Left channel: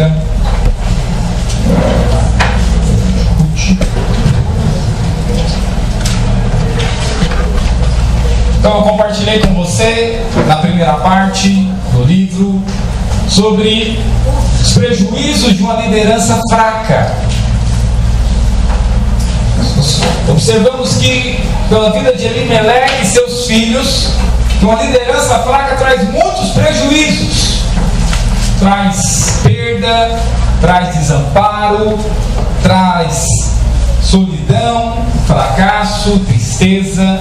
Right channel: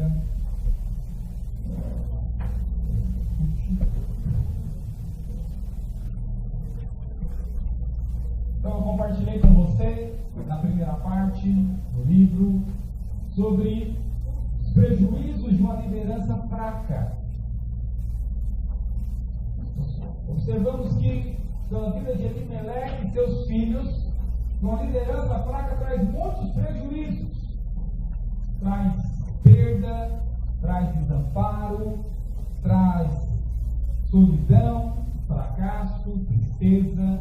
Bíblia. Então eu compartilhei com você na primeira parte do livro sobre os prejuízos de uma liderança fraca. Observamos que pela vida de Elimeleque e seus filhos, que uma liderança fraca traz muitos prejuízos. Traz perda, traz desamparo, traz solidão, fracasso, tristeza.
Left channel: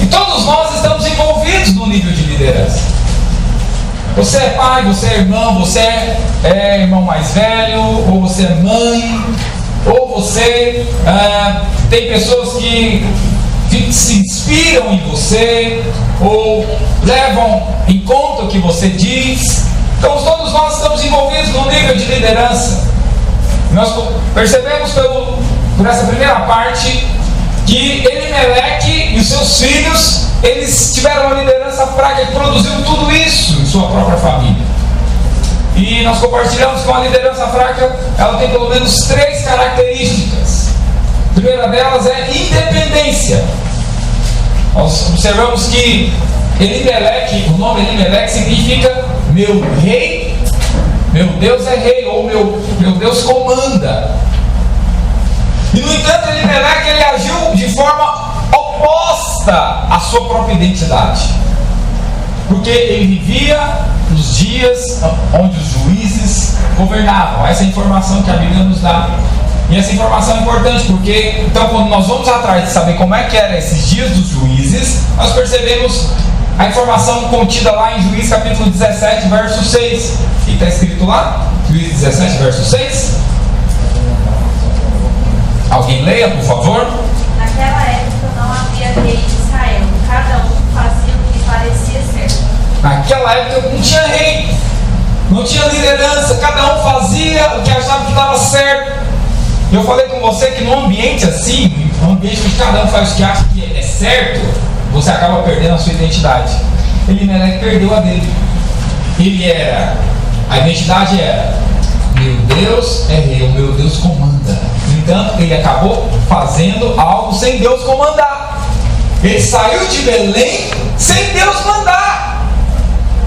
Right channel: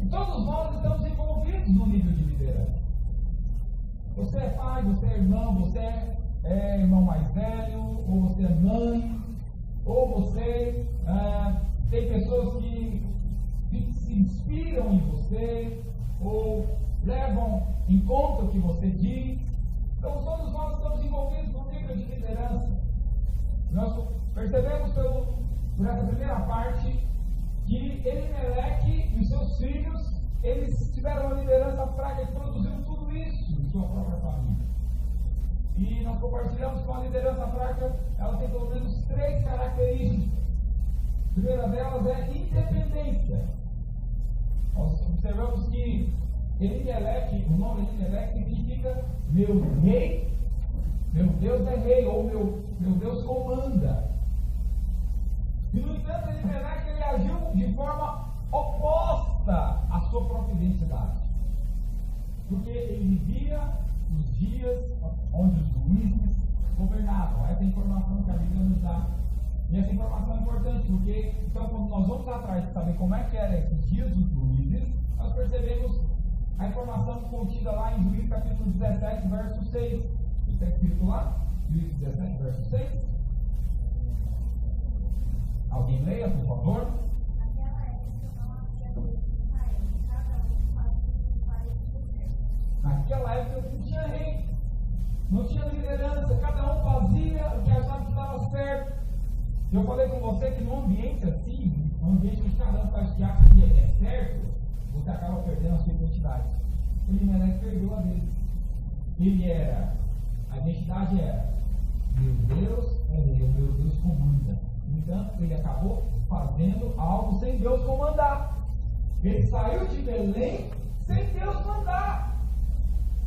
E todos nós estamos envolvidos no nível de liderança. Você é pai, você é irmão, você é irmão mais velho, ou você é mãe, ou você tem pessoas que se inspiram em você, ou levam em conta o que você diz. Então todos nós estamos envolvidos no nível de liderança. Nós percebemos por essa primeira parte que Elimeleque e os seus filhos, eles tiveram uma liderança fraca que produziu tudo isso em sua própria família. E nós compartilhamos que uma liderança fraca, ela tem pelo menos 3 características. A primeira delas é independência. Nós observamos que Elimeleque, o nome Elimeleque significa meu rei, meu Deus é rei, ou meu Deus comanda. E no entanto, Elimeleque, ele agiu de forma oposta à sua própria identidade, porque ele vivia nos dias onde os juízes governavam. Essa é a informação que a Bíblia nos dá. E essa informação é importante porque, então, quando nós vamos atrás de saber como é que eram esses dias dos juízes, nós percebemos a informação contida lá em Juízes capítulo 17, verso 6. O que está escrito lá? Juízes 17, verso 6. Alguém leia, por favor? Naquela época não havia rei em Israel, cada um fazia o que parecia certo. Naquela época não tinha rei, não tinha liderança, cada um fazia o que achava que estava certo. Eu falei com você que num ambiente assim, num ambiente que cada um faz o que acha que é certo, você acaba perdendo a sua identidade. Elimeleque perdeu a dele. A identidade era: meu Deus é rei, o meu Deus comanda. No entanto, ele acabou fazendo algo sem Deus comandar. Ele saiu de Belém sem Deus mandar.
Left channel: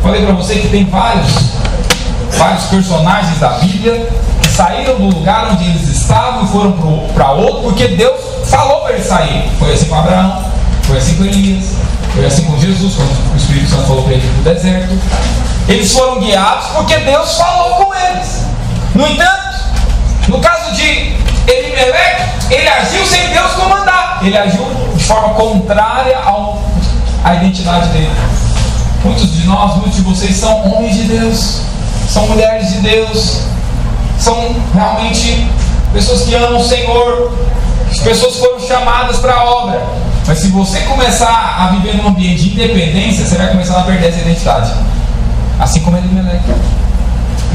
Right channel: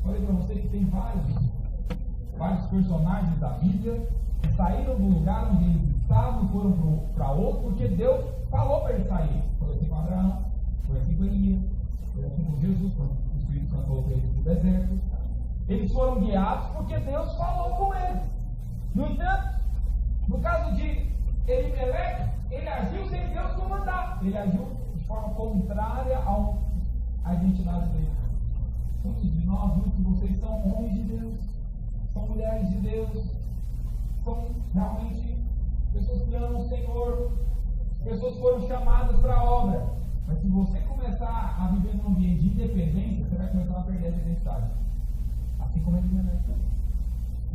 Falei para você que tem vários personagens da Bíblia que saíram do lugar onde eles estavam e foram para outro porque Deus falou para eles sair. Foi assim com Abraão, foi assim com Elias, foi assim com Jesus, quando o Espírito Santo falou para ele ir para o deserto. Eles foram guiados porque Deus falou com eles. No entanto, no caso de Elimeleque, ele agiu sem Deus comandar. Ele agiu de forma contrária à identidade dele. Muitos de vocês são homens de Deus, são mulheres de Deus, são realmente pessoas que amam o Senhor. As pessoas foram chamadas para a obra. Mas se você começar a viver num ambiente de independência, você vai começar a perder essa identidade. Assim como Elimeleque.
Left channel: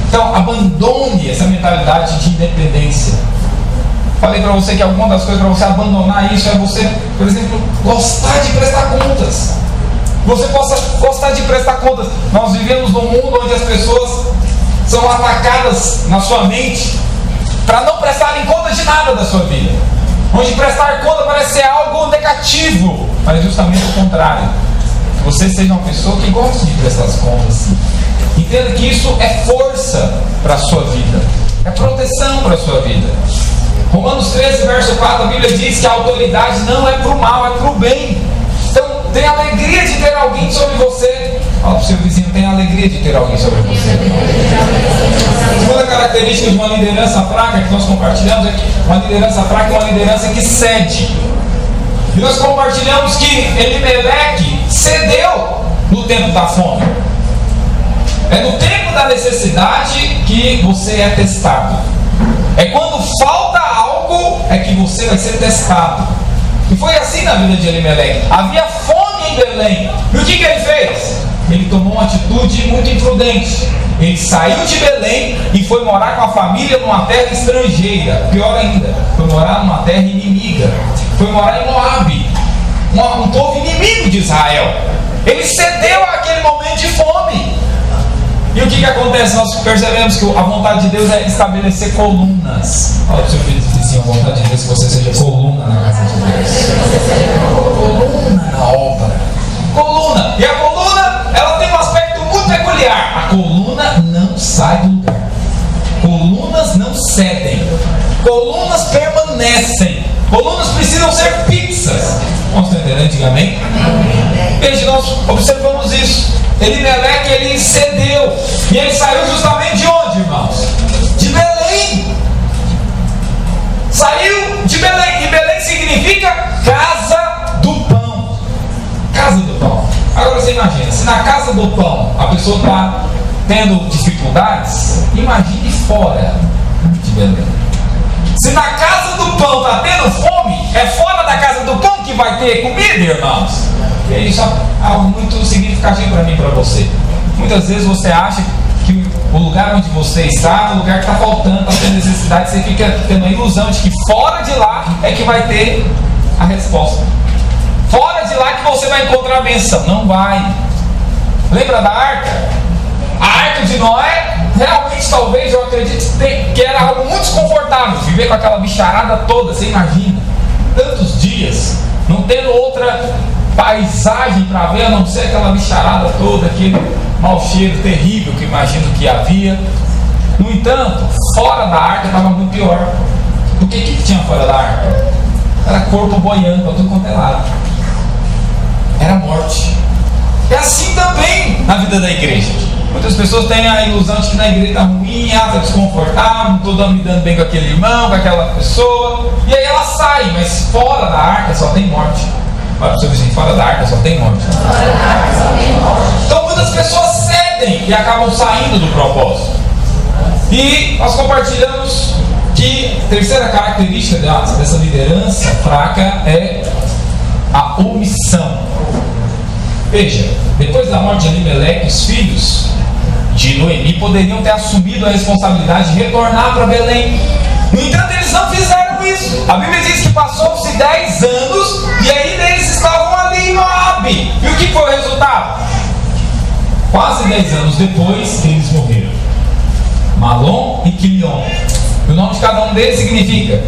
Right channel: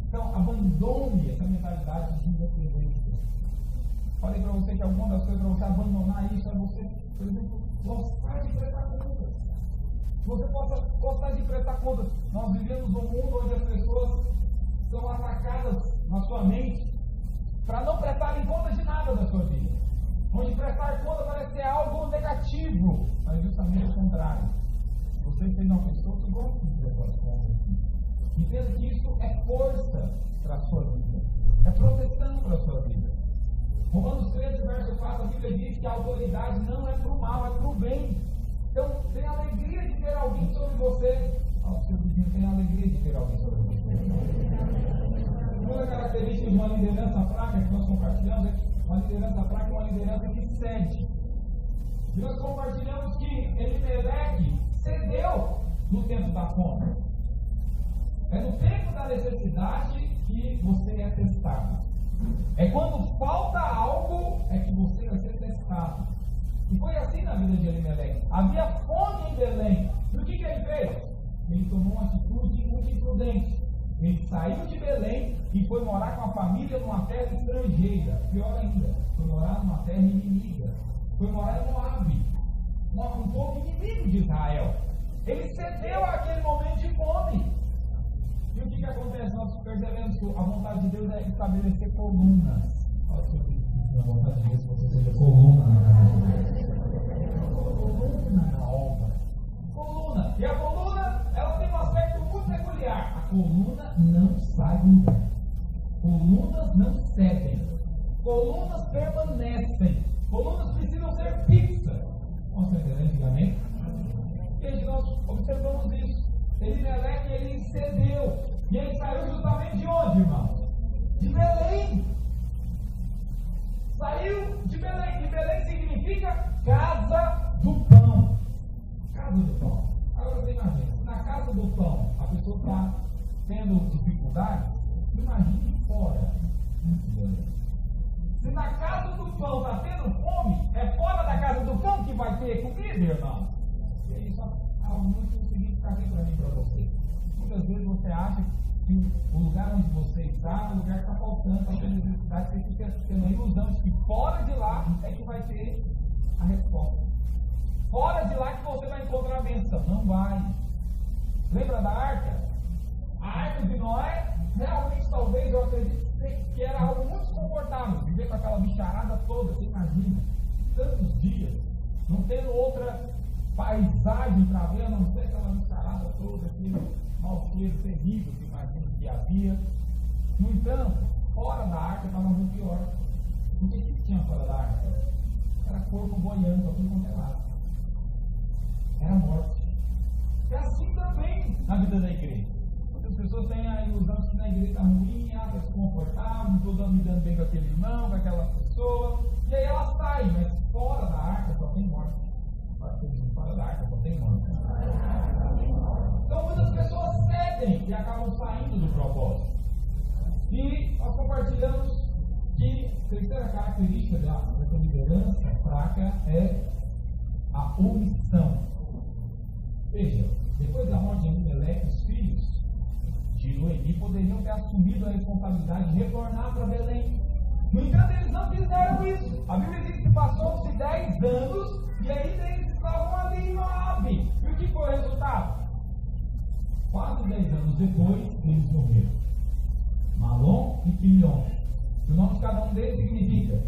Então, abandone essa mentalidade de independência. Falei para você que alguma das coisas para você abandonar isso é você, por exemplo, gostar de prestar contas. Você possa gostar de prestar contas. Nós vivemos num mundo onde as pessoas são atacadas na sua mente para não prestarem conta de nada da sua vida. Onde prestar conta parece ser algo negativo, mas justamente o contrário. Você seja uma pessoa que gosta de prestar as contas. Entenda que isso é força para a sua vida, é proteção para a sua vida. Romanos 13, verso 4, a Bíblia diz que a autoridade não é para o mal, é para o bem. Então, tenha alegria de ter alguém sobre você. Fala para o seu vizinho, tenha alegria de ter alguém sobre você. A segunda característica de uma liderança fraca que nós compartilhamos é que uma liderança fraca é uma liderança que cede. E nós compartilhamos que Elimeleque cedeu no tempo da fome. É no tempo da necessidade que você é testado. É quando falta algo é que você vai ser testado. E foi assim na vida de Elimeleque. Havia fome em Belém. E o que ele fez? Ele tomou uma atitude muito imprudente. Ele saiu de Belém e foi morar com a família numa terra estrangeira. Pior ainda, foi morar numa terra inimiga. Foi morar em Moabe, um povo inimigo de Israel. Ele cedeu àquele momento de fome. E o que acontece? Nós percebemos que a vontade de Deus é estabelecer colunas. Olha para o seu filho e diz assim: a vontade de Deus é que você seja coluna na casa de Deus. Coluna na obra. Coluna. E a coluna, ela tem um aspecto muito peculiar. A coluna não sai do lugar. Colunas não cedem. Colunas permanecem. Colunas precisam ser fixas. Vamos entender antigamente? Veja, nós observamos isso. Elimeleque, ele cedeu. E ele saiu justamente de onde, irmãos? De Belém. Saiu de Belém. E Belém significa casa do pão. Casa do pão. Agora você imagina, se na casa do pão a pessoa está tendo dificuldades, imagine fora de Belém. Se na casa do pão está tendo fome, é fora da casa do pão que vai ter comida, irmãos. E isso é algo muito significativo para mim e para você. Muitas vezes você acha que o lugar onde você está é um lugar que está faltando, está tendo necessidade, você fica tendo a ilusão de que fora de lá é que vai ter a resposta. Fora de lá que você vai encontrar a bênção. Não vai. Lembra da arca? A arca de Noé, realmente, talvez, eu acredito que era algo muito desconfortável. Viver com aquela bicharada toda, você imagina. Tantos dias, não tendo outra paisagem para ver, a não ser aquela bicharada toda, aquele mau cheiro terrível que imagino que havia. No entanto, fora da arca estava muito pior. O que tinha fora da arca? Era corpo boiando para tudo quanto é lado. Era morte. É assim também na vida da igreja. Muitas pessoas têm a ilusão de que na igreja está ruim, está desconfortável, não estou me dando bem com aquele irmão, com aquela pessoa. E aí ela sai, mas fora da arca só tem morte. Olha para o seu vizinho, fora da arca só tem morte. Então muitas pessoas cedem e acabam saindo do propósito. E nós compartilhamos que a terceira característica dessa liderança fraca é a omissão. Veja, depois da morte de Elimeleque, os filhos de Noemi poderiam ter assumido a responsabilidade de retornar para Belém. No entanto, eles não fizeram isso. A Bíblia diz que passou-se 10 anos e ainda eles estavam ali em Moabe. E o que foi o resultado? Quase 10 anos depois, eles morreram. Malom e Quilion. E o nome de cada um deles significa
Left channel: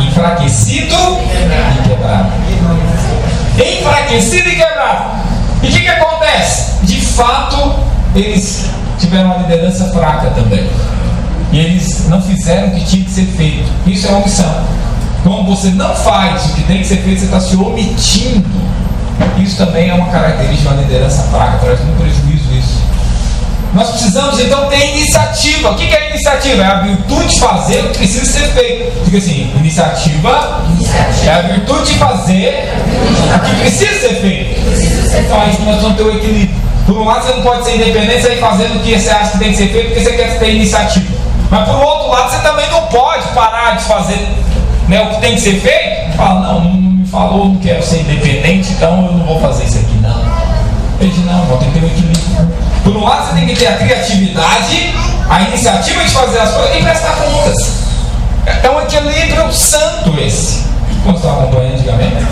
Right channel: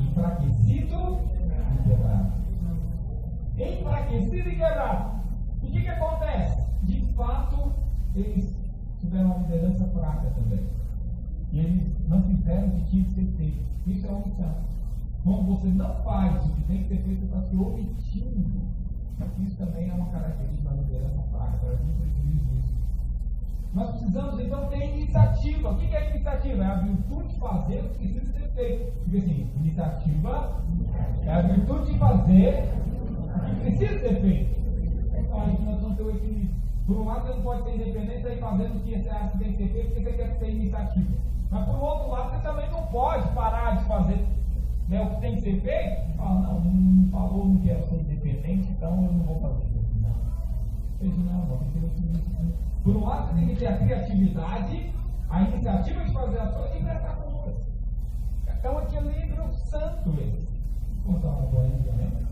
enfraquecido e quebrado. Enfraquecido e quebrado. E o que acontece? De fato, eles tiveram uma liderança fraca também. E eles não fizeram o que tinha que ser feito. Isso é omissão. Quando você não faz o que tem que ser feito, você está se omitindo. Isso também é uma característica de uma liderança fraca. Traz muito prejuízo isso. Nós precisamos então ter iniciativa. O que é iniciativa? É a virtude de fazer o que precisa ser feito. Diga assim: iniciativa é a virtude de fazer o que precisa ser feito. Então aí nós vamos ter o equilíbrio. Por um lado, você não pode ser independente, você ir fazendo o que você acha que tem que ser feito porque você quer ter iniciativa. Mas por outro lado, você também não pode parar de fazer, né, o que tem que ser feito. Fala: não me falou, não quero ser independente, então eu não vou fazer isso aqui, não. Veja, não, tem que ter um equilíbrio. Por um lado, você tem que ter a criatividade, a iniciativa de fazer as coisas e prestar contas. É um equilíbrio santo esse. Quando estava acompanhando antigamente,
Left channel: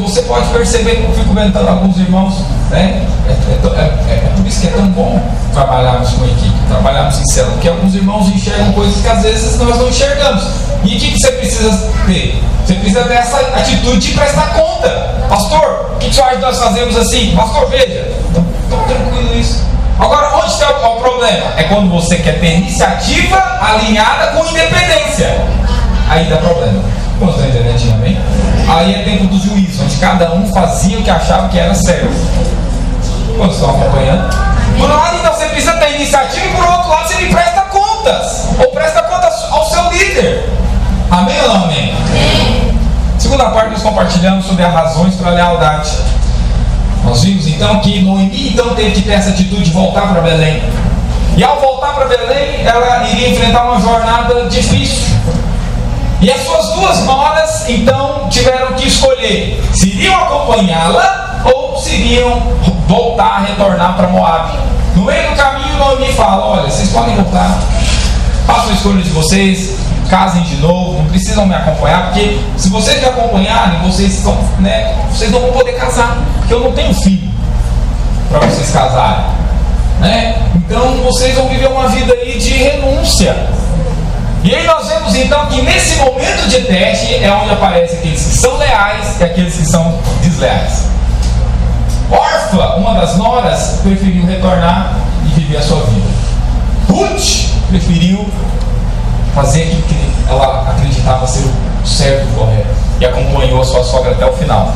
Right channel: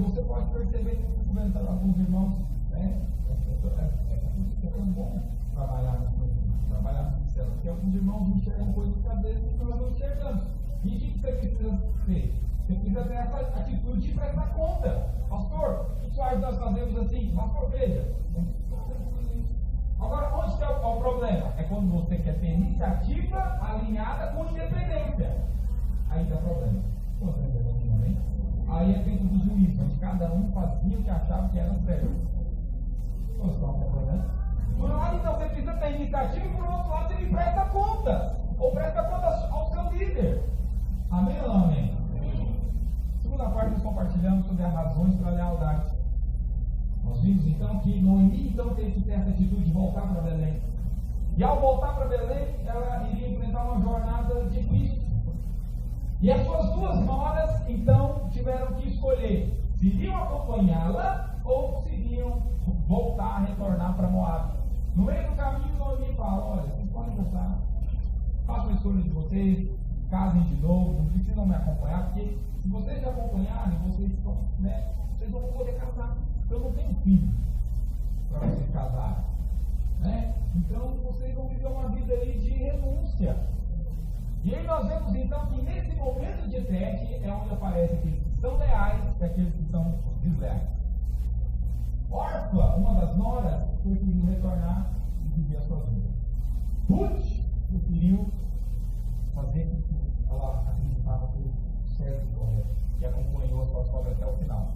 você pode perceber, eu fico vendo alguns irmãos, né? É por isso que é tão bom trabalharmos com equipe, trabalharmos em célula, porque alguns irmãos enxergam coisas que às vezes nós não enxergamos. E o que você precisa ter? Você precisa ter essa atitude de prestar conta. Pastor, o que você acha que nós fazemos assim? Pastor, veja, tão tranquilo isso. Agora, onde está o problema? É quando você quer ter iniciativa alinhada com independência. Aí dá problema. Como você está entendendo, amém? Aí é tempo do juízo, onde cada um fazia o que achava que era certo. Vocês estão acompanhando? Por um lado, então, você precisa ter iniciativa, e por outro lado, você me presta contas. Ou presta contas ao seu líder. Amém ou não amém? Amém. Segunda parte, nós compartilhamos sobre as razões para a lealdade. Nós vimos então que Noemi então teve que ter essa atitude de voltar para Belém. E ao voltar para Belém, ela iria enfrentar uma jornada difícil. E as suas duas noras então tiveram que escolher se iriam acompanhá-la ou se iriam voltar, retornar para Moabe. No meio do caminho, Noemi fala: olha, vocês podem voltar, façam a escolha de vocês, casem de novo, não precisam me acompanhar, porque se vocês me acompanharem, vocês não vão poder casar, porque eu não tenho filho para vocês casarem. né? Então vocês vão viver uma vida aí de renúncia. E aí nós vemos então que nesse momento de teste é onde aparecem aqueles que são leais e aqueles que são desleais. Orfa, uma das noras, preferiu retornar e viver a sua vida. Ruth preferiu fazer aquilo que ela acreditava ser o certo e correto e acompanhou a sua sogra até o final.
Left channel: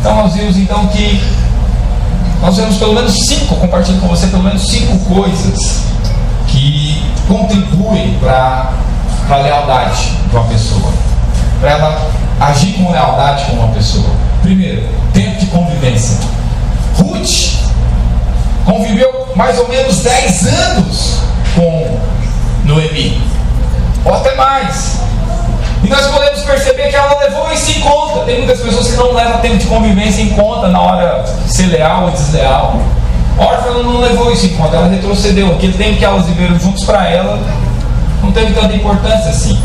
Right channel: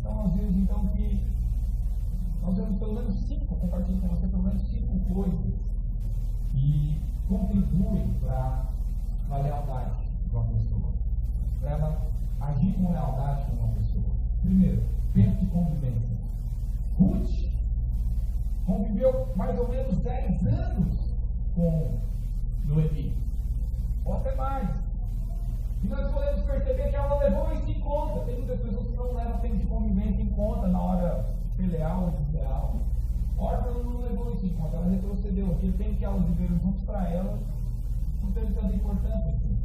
Então nós vimos então que nós vemos pelo menos 5, compartilho com você pelo menos 5 coisas que contribuem para a lealdade de uma pessoa, para ela agir com lealdade com uma pessoa. Primeiro, tempo de convivência. Ruth conviveu mais ou menos 10 anos com Noemi, ou até mais. E nós podemos perceber que ela levou isso em conta. Tem muitas pessoas que não levam tempo de convivência em conta na hora de ser leal ou desleal. Orfa não levou isso em conta, ela retrocedeu. Aquele tempo que elas viveram juntos, para ela não teve tanta importância assim.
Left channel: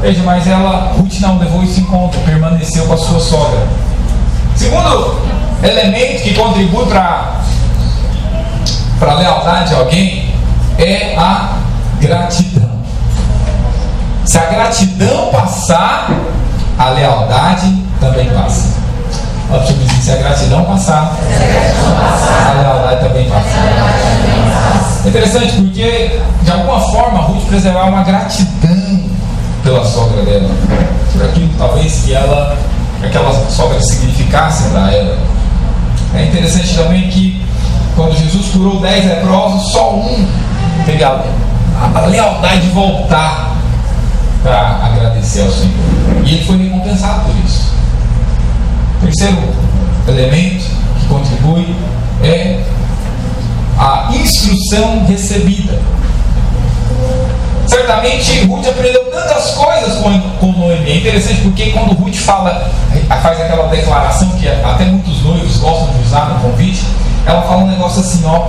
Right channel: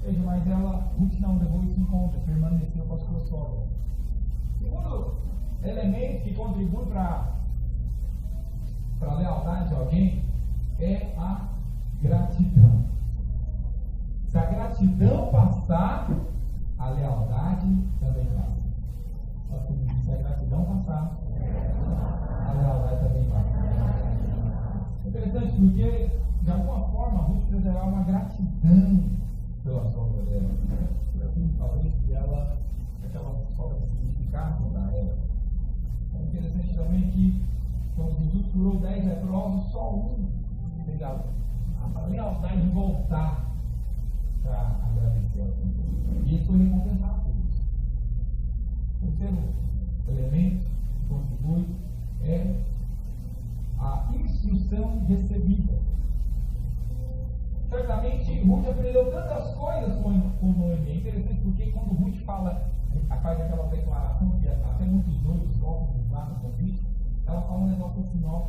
Veja, mas Ruth não levou isso em conta, permaneceu com a sua sogra. Segundo elemento que contribui para a lealdade de alguém é a gratidão. Se a gratidão passar, a lealdade também passa. Olha para o senhor, se a gratidão passar, a lealdade também passa. É interessante porque, de alguma forma, Ruth preservava uma gratidão pela sogra dela, por aquilo talvez que aquela sogra significasse para ela. É interessante também que, quando Jesus curou 10 leprosos, só um teve a lealdade de voltar para agradecer ao Senhor, e ele foi recompensado por isso. Terceiro elemento que contribui é a instrução recebida. Certamente Ruth aprendeu tantas coisas com Noemi. É interessante porque quando Ruth faz aquela declaração que até muitos noivos gostam de usar no convite, ela fala um negócio assim: ó,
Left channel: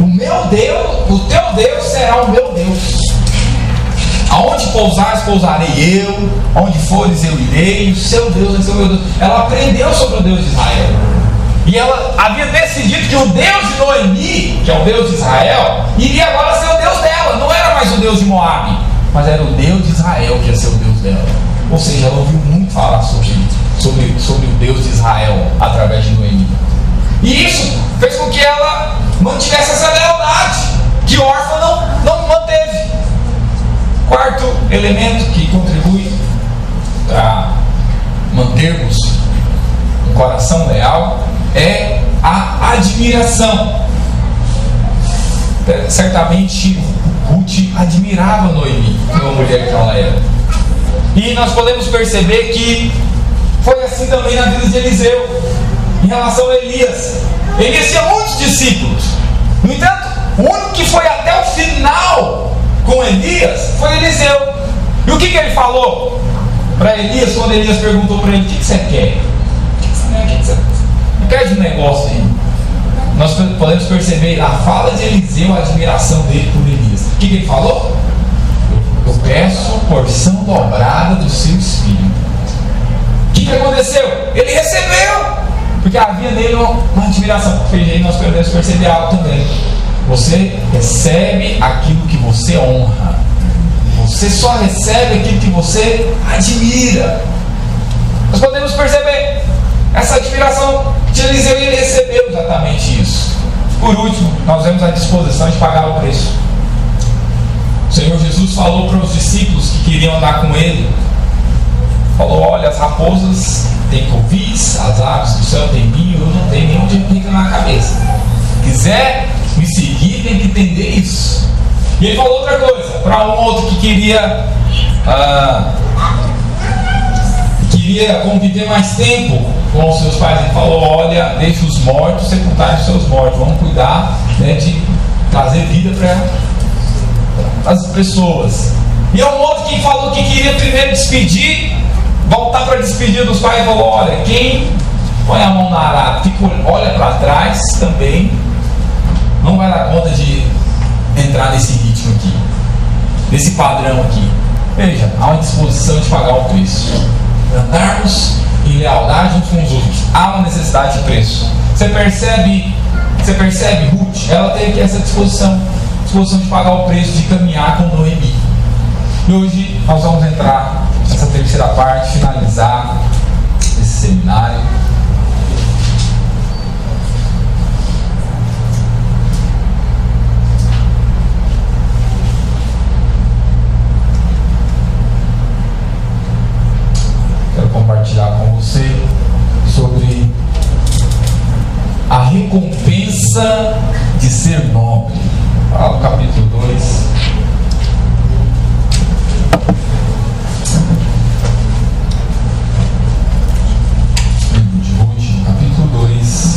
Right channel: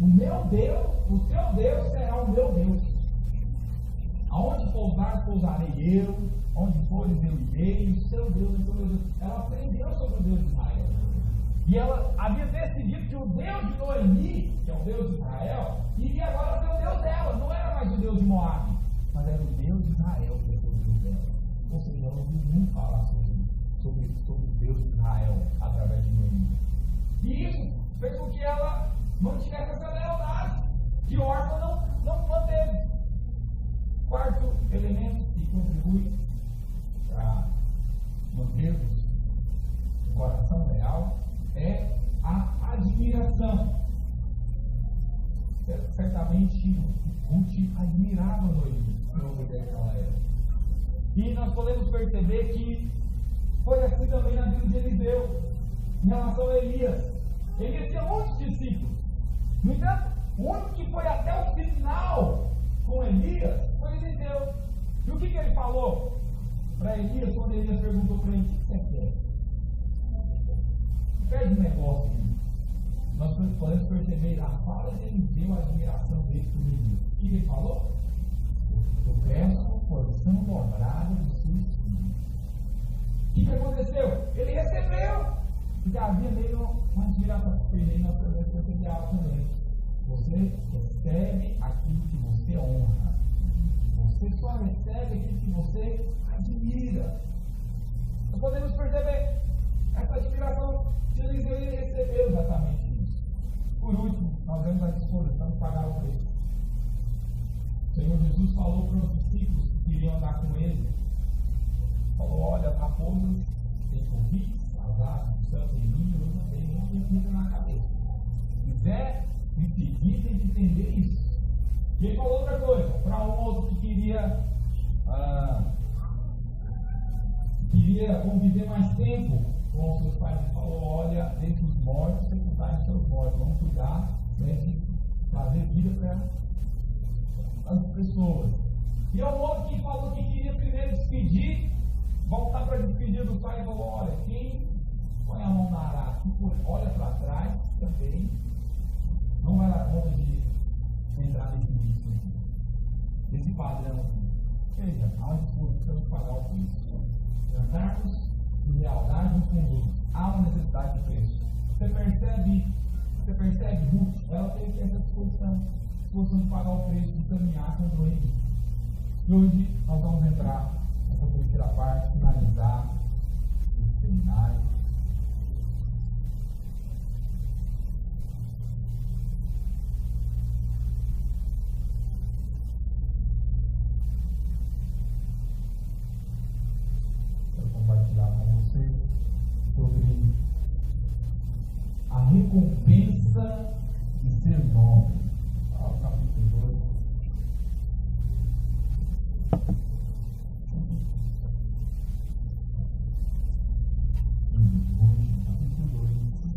o meu Deus, o teu Deus será o meu Deus. Aonde pousares, pousarei eu. Onde fores, eu irei. O seu Deus vai ser o meu Deus. Ela aprendeu sobre o Deus de Israel. E ela havia decidido que o Deus de Noemi, que é o Deus de Israel, iria agora ser o Deus dela. Não era mais o Deus de Moabe, mas era o Deus de Israel que ia ser o Deus dela. Ou seja, ela ouviu muito falar sobre o Deus de Israel através de Noemi. E isso fez com que ela mantivesse essa lealdade que Orfa não manteve. Quarto elemento que contribui para mantermos um coração leal é a admiração. Certamente Ruth admirava Noemi, uma mulher que ela era. E nós podemos perceber que foi assim também na vida de Eliseu, em relação a Elias. Elias tinha muitos discípulos. No entanto, o único que foi até o final com Elias foi Eliseu. E o que ele falou para Elias quando Elias perguntou para ele: o que você quer? O que você quer de um negócio aí? Nós podemos perceber a fala de Eliseu, a admiração dele por Elias. O que ele falou? Eu peço porção dobrada do seu espírito. O que aconteceu? Ele recebeu, porque havia nele uma admiração. E aí nós podemos perceber algo também. Você recebe aquilo que você honra. Você só recebe aquilo que você admira. Nós podemos perceber essa admiração de Eliseu, e ele recebeu exatamente isso. Por último, nós vemos a disposição de pagar o preço. O Senhor Jesus falou para os discípulos que queriam andar com ele. Falou: olha, as raposas têm covis, as aves do céu têm ninho, eu não tenho nenhum de pica na cabeça. Se quiser me seguir, tem que entender isso. E ele falou outra coisa para um outro que queria conviver mais tempo com os seus pais. Ele falou: olha, deixa os mortos sepultarem os seus mortos, vamos cuidar, né, de trazer vida para as pessoas. E um outro que falou que queria primeiro despedir, voltar para despedir dos pais, e falou: olha, quem põe a mão na arada, olha para trás também, não vai dar conta de entrar nesse ritmo aqui, nesse padrão aqui. Veja, há uma disposição de pagar o preço. Andarmos em lealdade uns com os outros, há uma necessidade de preço. Você percebe Você percebe? Ruth, ela teve essa disposição de pagar o preço de caminhar com Noemi. E hoje nós vamos entrar nessa terceira parte, finalizar esse seminário. Quero compartilhar com você sobre a recompensa de ser nobre. Fala o capítulo 2. Livro de Ruth, capítulo 2.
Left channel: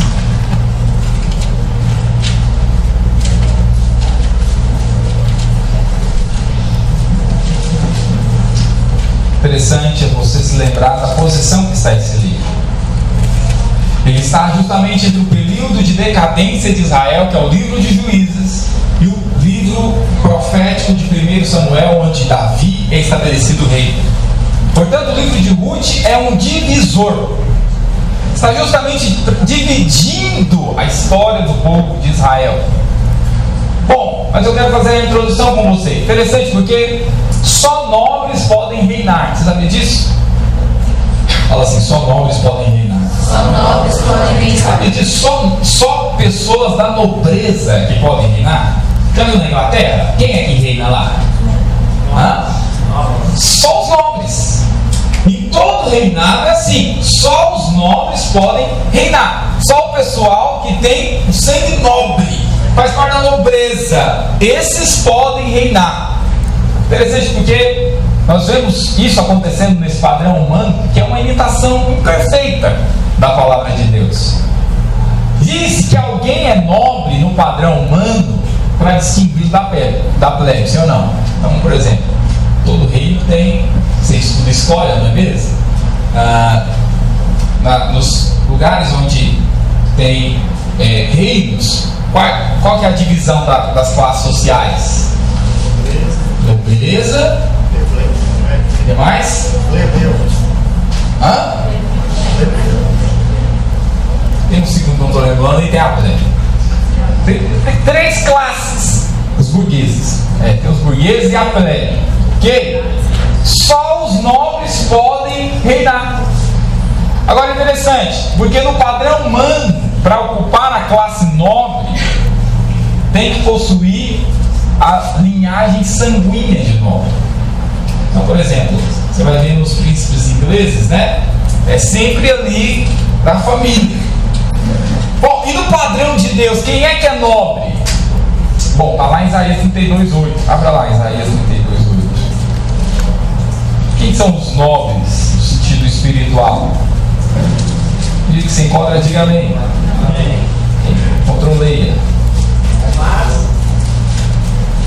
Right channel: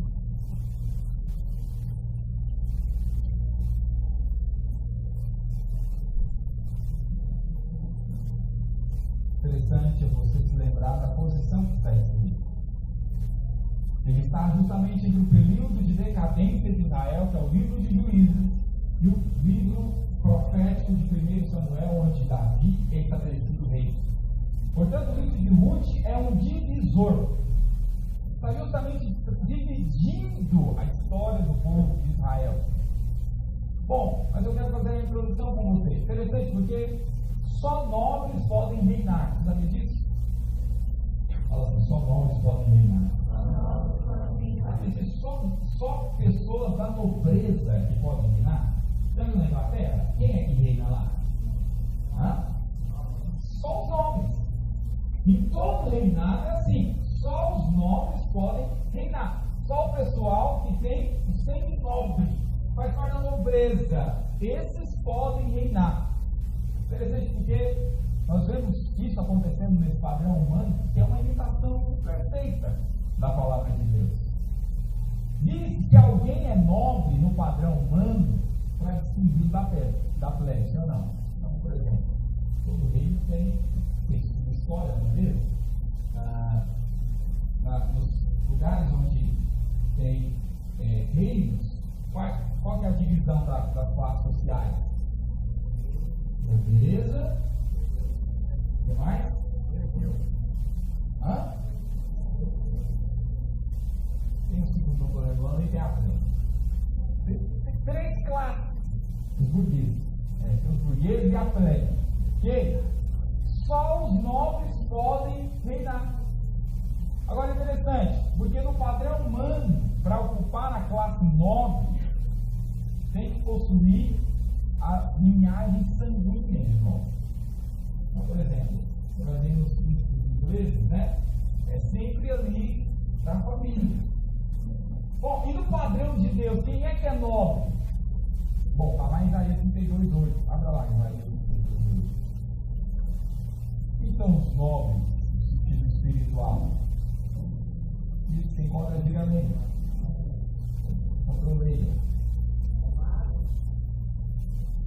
Interessante é você se lembrar da posição que está esse livro. Ele está justamente entre o período de decadência de Israel, que é o livro de Juízes, e o livro profético de 1 Samuel, onde Davi é estabelecido rei. Portanto, o livro de Ruth é um divisor. Está justamente dividindo a história do povo de Israel. Bom, mas eu quero fazer a introdução com você. Interessante, porque só nobres podem reinar. Você sabia disso? Fala assim, só nobres podem reinar. Só nobres podem reinar. Sabe disso? Só pessoas da nobreza que podem reinar. Já viu na Inglaterra? Quem é que reina lá? Só os nobres. Em todo reinado é assim. Só os nobres podem reinar. Só o pessoal que tem o sangue nobre, faz parte da nobreza, esses podem reinar. Interessante porque nós vemos isso acontecendo nesse padrão humano, que é uma imitação imperfeita da palavra de Deus. Diz que alguém é nobre no padrão humano para distinguir da plebe, sim ou não? Então, por exemplo, todo reino tem, você estuda história, não é mesmo? Nos lugares onde tem reinos, qual que é a divisão das classes sociais? Nobreza. O que mais? Tem um segundo, não estou lembrando, e tem a plebe. Tem três classes. Os burgueses. Tem os burgueses e a plebe. Que só os nobres podem reinar. Agora é interessante, porque no padrão humano, para ocupar a classe nobre, tem que possuir a linhagem sanguínea de nobre. Então, por exemplo, você vai ver nos príncipes ingleses, né? É sempre ali da família. Bom, e no padrão de Deus, quem é que é nobre? Bom, está lá em Isaías 32:8. Abra lá, Isaías 32:8. Quem são os nobres no sentido espiritual? Diz que se encontra, diga amém. Amém. Controleia. Mas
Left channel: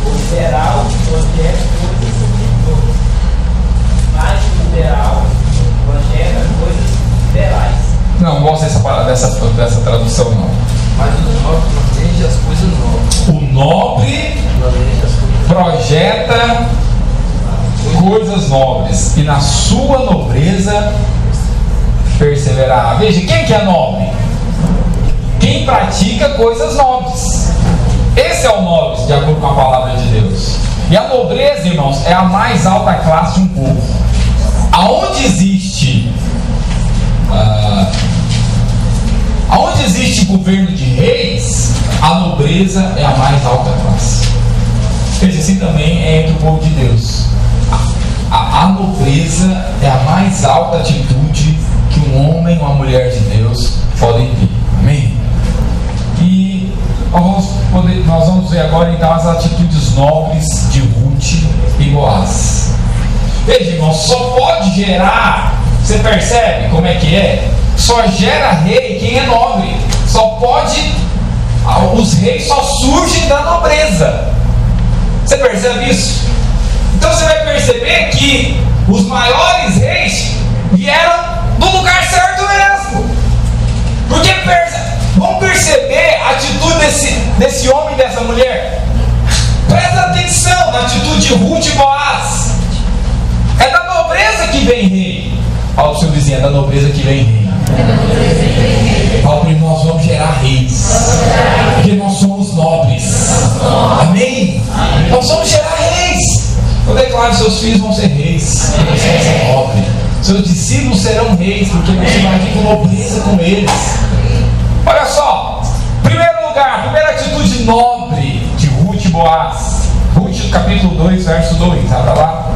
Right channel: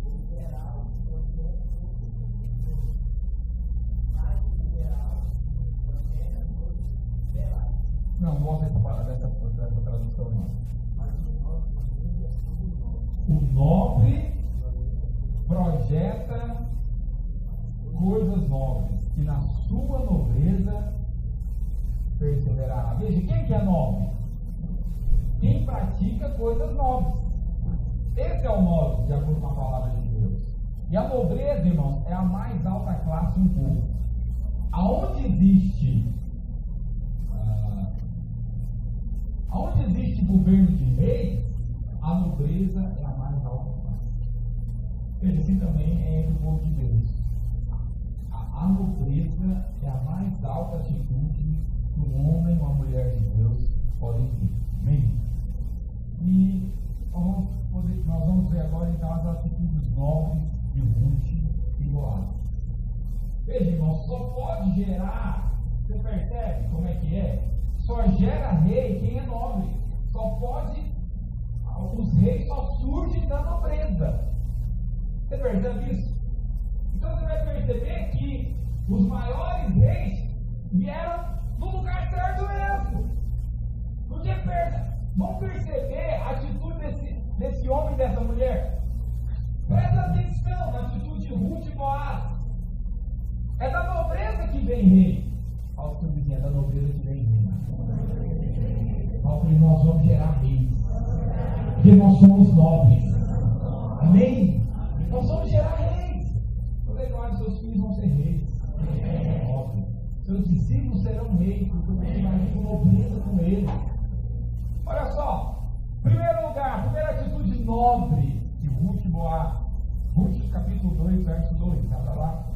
o liberal projeta coisas subversivas. Mas o liberal projeta coisas liberais. Não gosto dessa tradução, não. Mas o nobre planeja as coisas novas. O nobre projeta coisas nobres e na sua nobreza perseverará. Veja, quem que é nobre? Quem pratica coisas nobres. Esse é o nobre, de acordo com a palavra de Deus. E a nobreza, irmãos, é a mais alta classe de um povo. Aonde existe governo de reis, a nobreza é a mais alta classe. Veja, assim também é entre o povo de Deus. A nobreza é a mais alta atitude que um homem ou uma mulher de Deus podem ter. Amém? E nós vamos ver agora então as atitudes nobres de Ruth e Boaz. Veja, irmão, só pode gerar, você percebe como é que é? Só gera rei quem é nobre. Só pode, os reis só surgem da nobreza. Você percebe isso? Então você vai perceber que os maiores reis vieram do lugar certo mesmo. Porque vamos perceber a atitude desse homem e dessa mulher. Presta atenção na atitude de Ruth e Boaz. É da nobreza que vem rei. Fala para o seu vizinho, é da nobreza que vem rei. Fala para ele, nós vamos gerar reis. Porque nós somos nobres. Amém? Nós vamos gerar reis. Eu declaro que seus filhos vão ser reis. Você vai ser nobre. Seus discípulos serão reis, porque você vai vir com nobreza com eles. Olha só. Primeiro lugar, primeira atitude nobre de Ruth e Boaz. Ruth, capítulo 2, verso 2. Abra lá.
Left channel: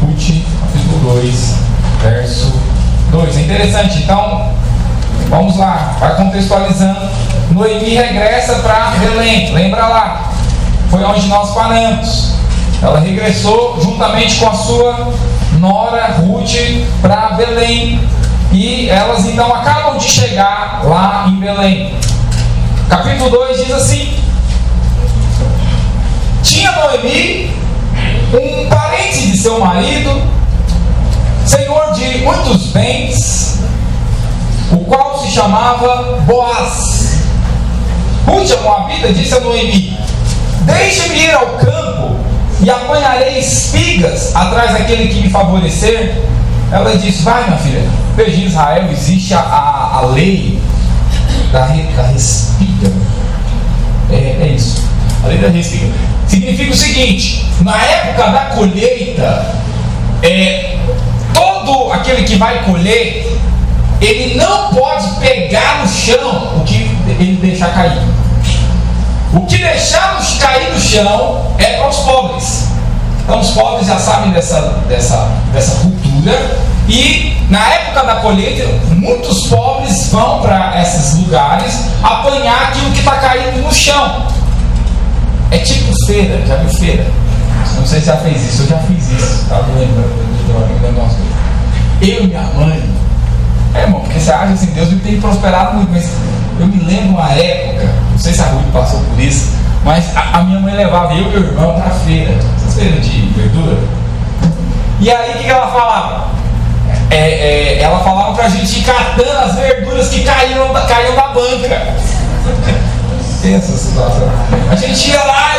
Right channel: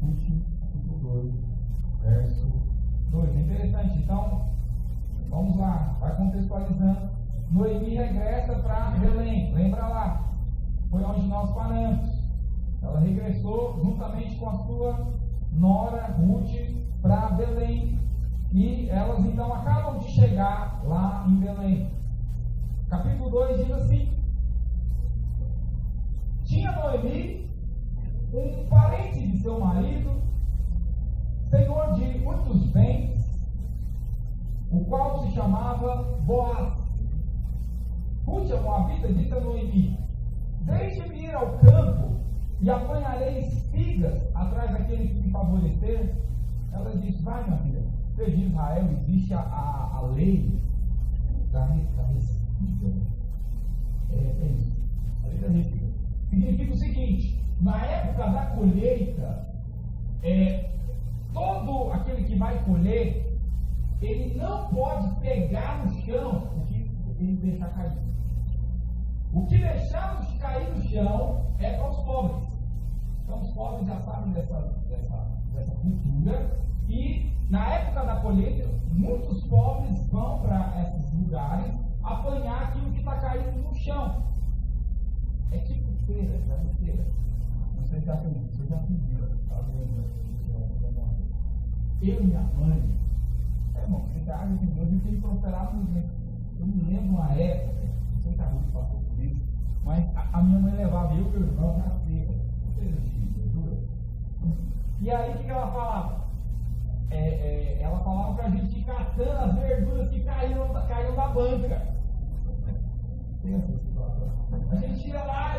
Ruth, capítulo 2, verso 2. É interessante, então, vamos lá, vai contextualizando. Noemi regressa para Belém, lembra lá, foi onde nós paramos. Ela regressou juntamente com a sua nora Ruth para Belém. E elas então acabam de chegar lá em Belém. Capítulo 2 diz assim: tinha Noemi um parente de seu marido, senhor de muitos bens, o qual se chamava Boaz. Ruth, a moabita, disse a Noemi: deixe-me ir ao campo e apanharei espigas atrás daquele que me favorecer. Ela disse: vai, minha filha. Veja, em Israel existe a lei da respiga. É isso, a lei da respiga. Significa o seguinte: na época da colheita, todo aquele que vai colher, ele não pode pegar no chão o que ele deixar cair. O que deixar cair no chão é para os pobres. Então os pobres já sabem dessa cultura. E na época da colheita, muitos pobres vão para esses lugares apanhar aquilo que está caindo no chão. É tipo feira, já viu feira? Não sei se já fez isso, eu já fiz isso. Estava lembrando. Eu e minha mãe, irmão, porque você acha assim, Deus me tem prosperado muito, mas eu me lembro uma época, não sei se a Ruth passou por isso, mas a minha mãe levava eu e meu irmão para a feira, essas feiras de verdura. E aí o que ela falava? Ela falava pra gente ir catando as verduras que caíam da banca. Essa situação. A gente ia lá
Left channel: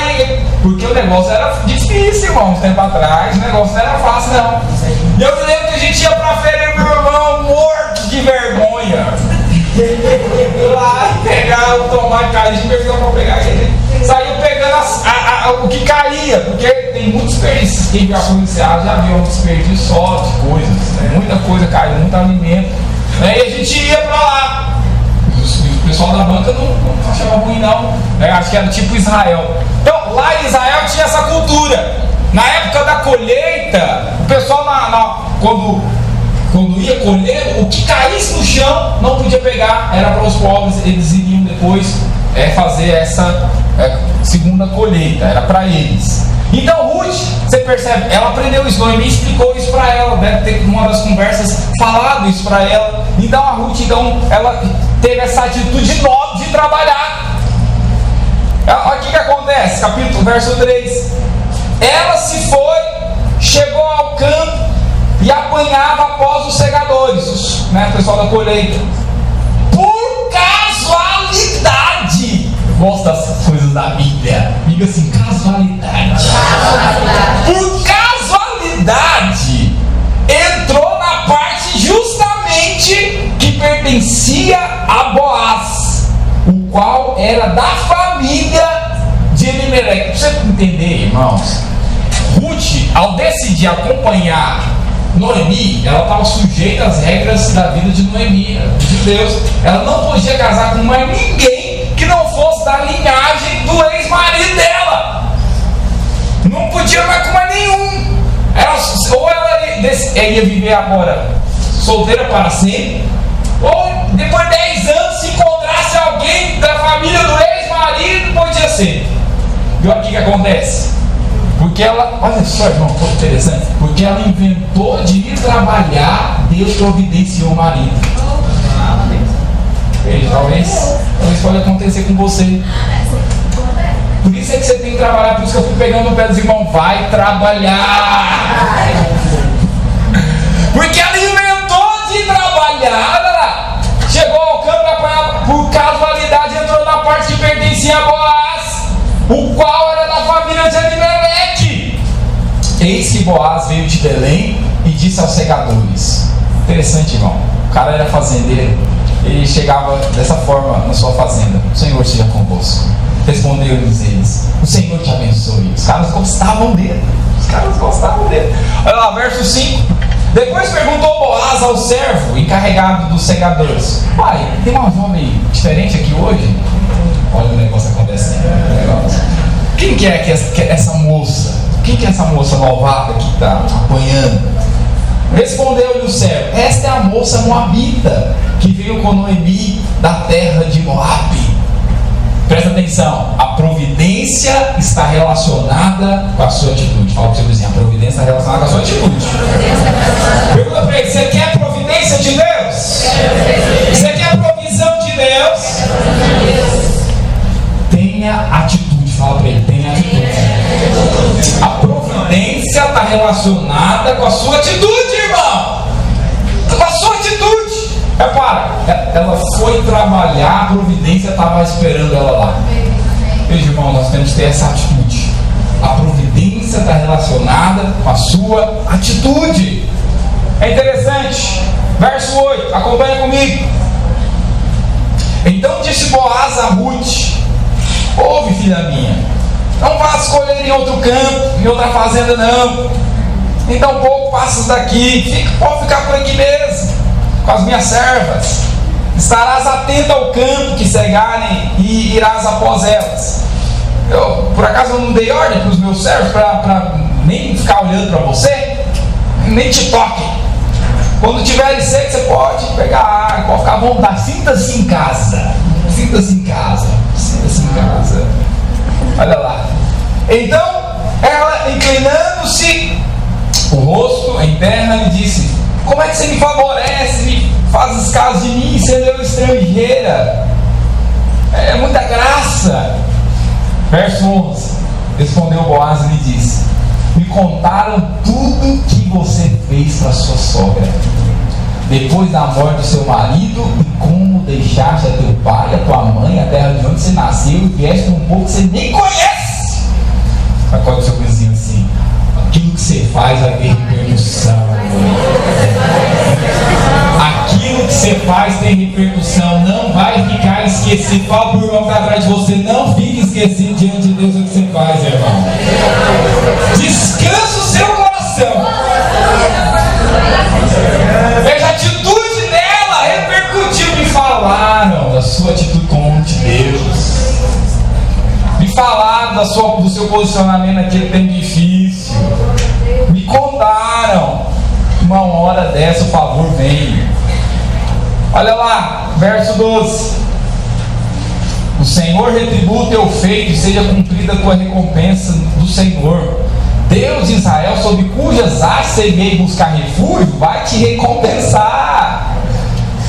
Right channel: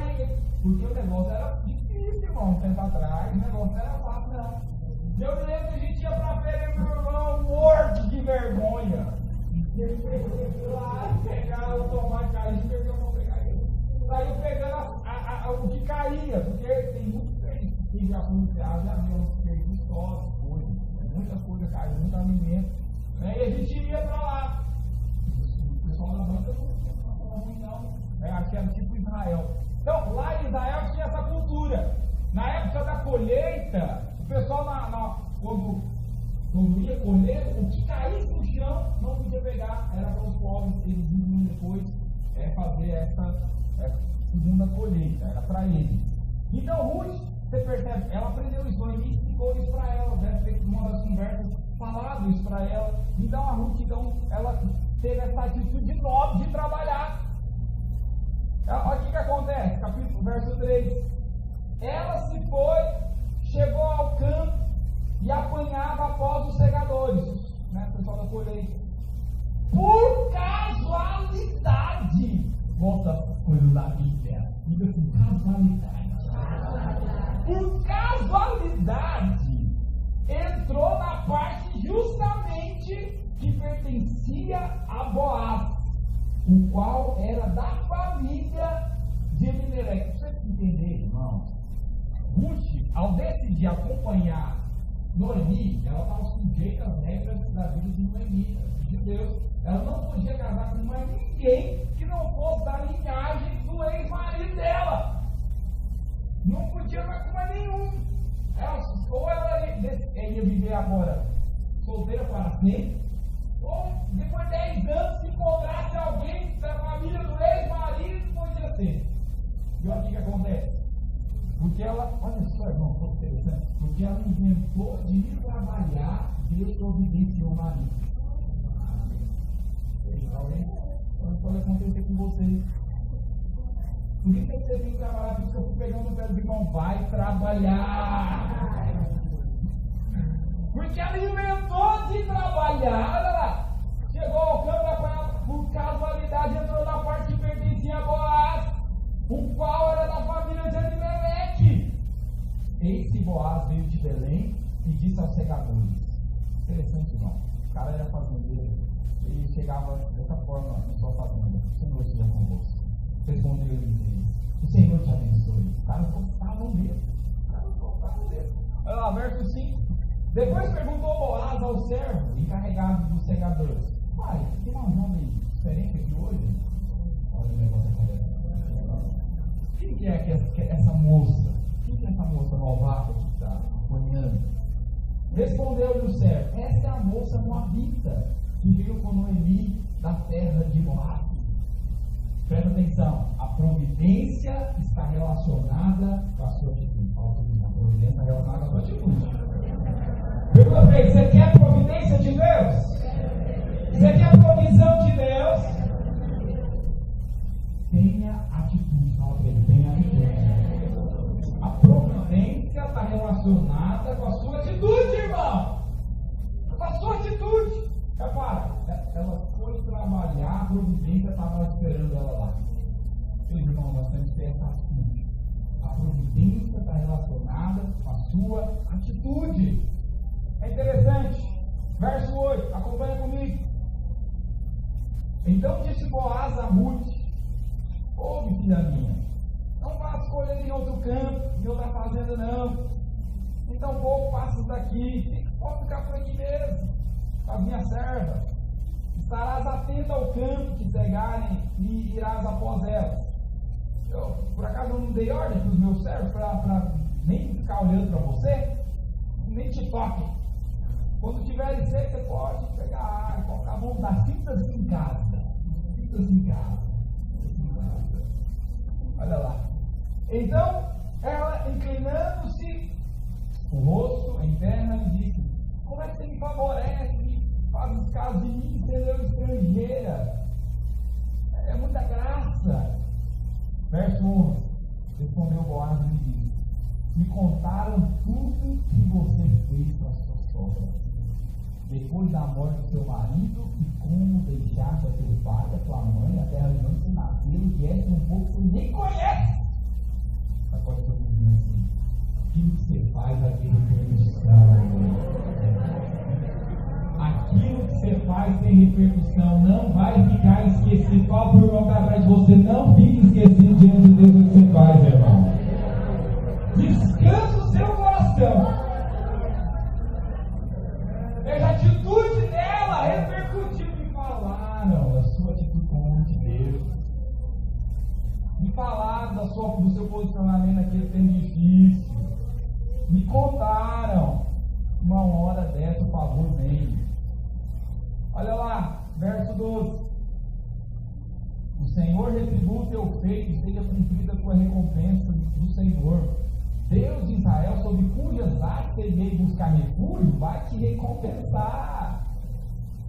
porque o negócio era difícil, irmão, um tempo atrás, o negócio não era fácil, não. E eu me lembro que a gente ia pra feira e meu irmão morto de vergonha. Lá pegar o tomate, a gente pegou pra pegar ele. Saiu pegando o que caía, porque tem muitos desperdícios. Quem viu a policial já viu um desperdício só de coisas, né? Muita coisa caiu, muito alimento, né? E a gente ia pra lá. O pessoal da banca não achava ruim, não, né? Acho que era tipo Israel. Então lá em Israel tinha essa cultura. Na época da colheita, o pessoal quando ia colher, o que caísse no chão não podia pegar, era para os pobres. Eles iriam depois fazer essa segunda colheita, era para eles. Então Ruth, você percebe, ela aprendeu isso, Noemi explicou isso para ela, deve ter numa das conversas falado isso para ela. Então a Ruth, ela teve essa atitude nobre de trabalhar. Olha o que acontece, verso 3. Ela se foi, chegou ao campo e apanhava após os segadores, né, o pessoal da colheita. Por casualidade, gosto das coisas da Bíblia, diga assim, casualidade. Por casualidade, entrou na parte justamente que pertencia a Boaz, o qual era da família de Elimelec. Para você entender, irmãos, Ruth, ao decidir acompanhar Noemi, ela estava sujeita às regras da vida de Noemi, de Deus. Ela não podia casar com mais ninguém que não fosse da linhagem do ex-marido dela. Não podia mais com mais nenhum. Ou ela ia viver agora solteira para sempre, ou depois de 10 anos, se encontrasse alguém da família do ex-marido, podia ser. E olha o que acontece. Porque ela, olha só, irmão, muito interessante. Porque ela inventou de ir trabalhar, Deus providenciou o marido. Talvez pode acontecer com você. Por isso é que você tem que trabalhar. Por isso que eu fui pegando o pé dos irmãos. Vai trabalhar. Porque ela inventou de trabalhar. Chegou ao campo e apanhava. Por casualidade entrou na parte que pertencia a Boaz, o qual era da família de Elimelec. Eis que Boaz veio de Belém e disse aos segadores. Interessante, irmão. O cara era fazendeiro. Ele chegava dessa forma na sua fazenda: o Senhor seja convosco. Respondeu-lhes eles: o Senhor te abençoe. Os caras gostavam dele. Olha lá, verso 5. Depois perguntou Boaz ao servo encarregado dos segadores: pai, tem uma jovem diferente aqui hoje? Olha o negócio acontecendo. Quem que é essa moça? Quem que é essa moça novata que está apanhando? Respondeu-lhe o servo: esta é a moça moabita que veio com Noemi da terra de Moabe. Presta atenção, a providência está relacionada com a sua atitude. Fala para o seu vizinho: a providência está relacionada com a sua atitude. Pergunta para ele: você quer a providência de Deus? Você quer a provisão de Deus? Tenha atitude. Fala para ele: tenha atitude. A providência está relacionada com a sua atitude, irmão. Com a sua atitude. Repara, ela foi trabalhar, a providência estava esperando ela lá. Veja, irmão, nós temos que ter essa atitude. A providência está relacionada com a sua atitude. É interessante. Verso 8, acompanha comigo. Então disse Boaz a Ruth: ouve, filha minha, não vá escolher em outro campo, em outra fazenda não. Então pouco passas daqui, pode ficar por aqui mesmo, com as minhas servas. Estarás atento ao campo que cegarem e irás após elas. Por acaso eu não dei ordem para os meus servos para nem ficar olhando para você? Nem te toquem. Quando tiver seco, você pode pegar água, pode ficar à vontade. Sinta-se em casa. Sinta-se em casa. Sinta-se em casa. Olha lá. Então, ela, inclinando-se o rosto em terra, lhe disse: como é que você me favorece, me fazes caso de mim, sendo eu estrangeira? É muita graça. Verso 11. Respondeu Boaz e lhe disse: me contaram tudo que você fez para sua sogra, depois da morte do seu marido, e como deixaste a teu pai, a tua mãe, a terra de onde você nasceu, e vieste para um povo que você nem conhece. Acorde o seu vizinho assim: aquilo que você faz vai ter repercussão. Aquilo que você faz tem repercussão, não vai ficar esquecido. Fala para o irmão que está atrás de você: não fique esquecido diante de Deus o que você faz, irmão. Descansa o seu coração. Veja a atitude dela, repercutiu. Me falaram da sua atitude com Deus. Me falaram do seu posicionamento naquele tempo difícil. Me contaram. Uma hora dessa o favor vem. Olha lá, verso 12. O Senhor retribua o teu feito e seja cumprida a tua recompensa do Senhor Deus de Israel, sob cujas hastes você veio buscar refúgio, vai te recompensar.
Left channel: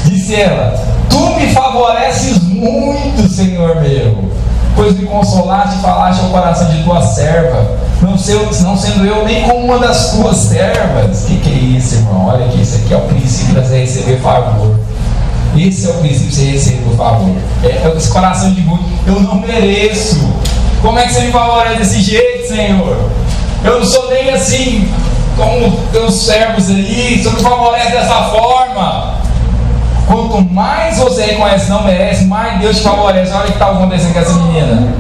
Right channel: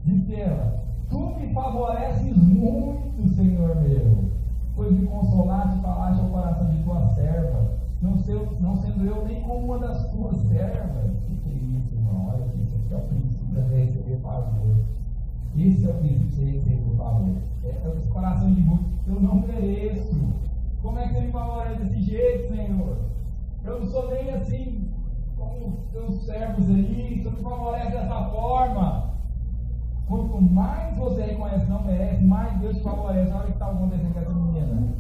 Disse ela: tu me favoreces muito, Senhor meu, pois me consolaste e falaste ao coração de tua serva, não sendo eu nem como uma das tuas servas. Que é isso, irmão? Olha aqui, isso aqui é o princípio de você receber favor. Esse é o princípio de você receber o favor. É esse coração de muito. Eu não mereço. Como é que você me favorece desse jeito, Senhor? Eu não sou nem assim como teus servos aí. Você me favorece dessa forma. Quanto mais você reconhece não merece, mais Deus te favorece. Olha o que está acontecendo com essa menina.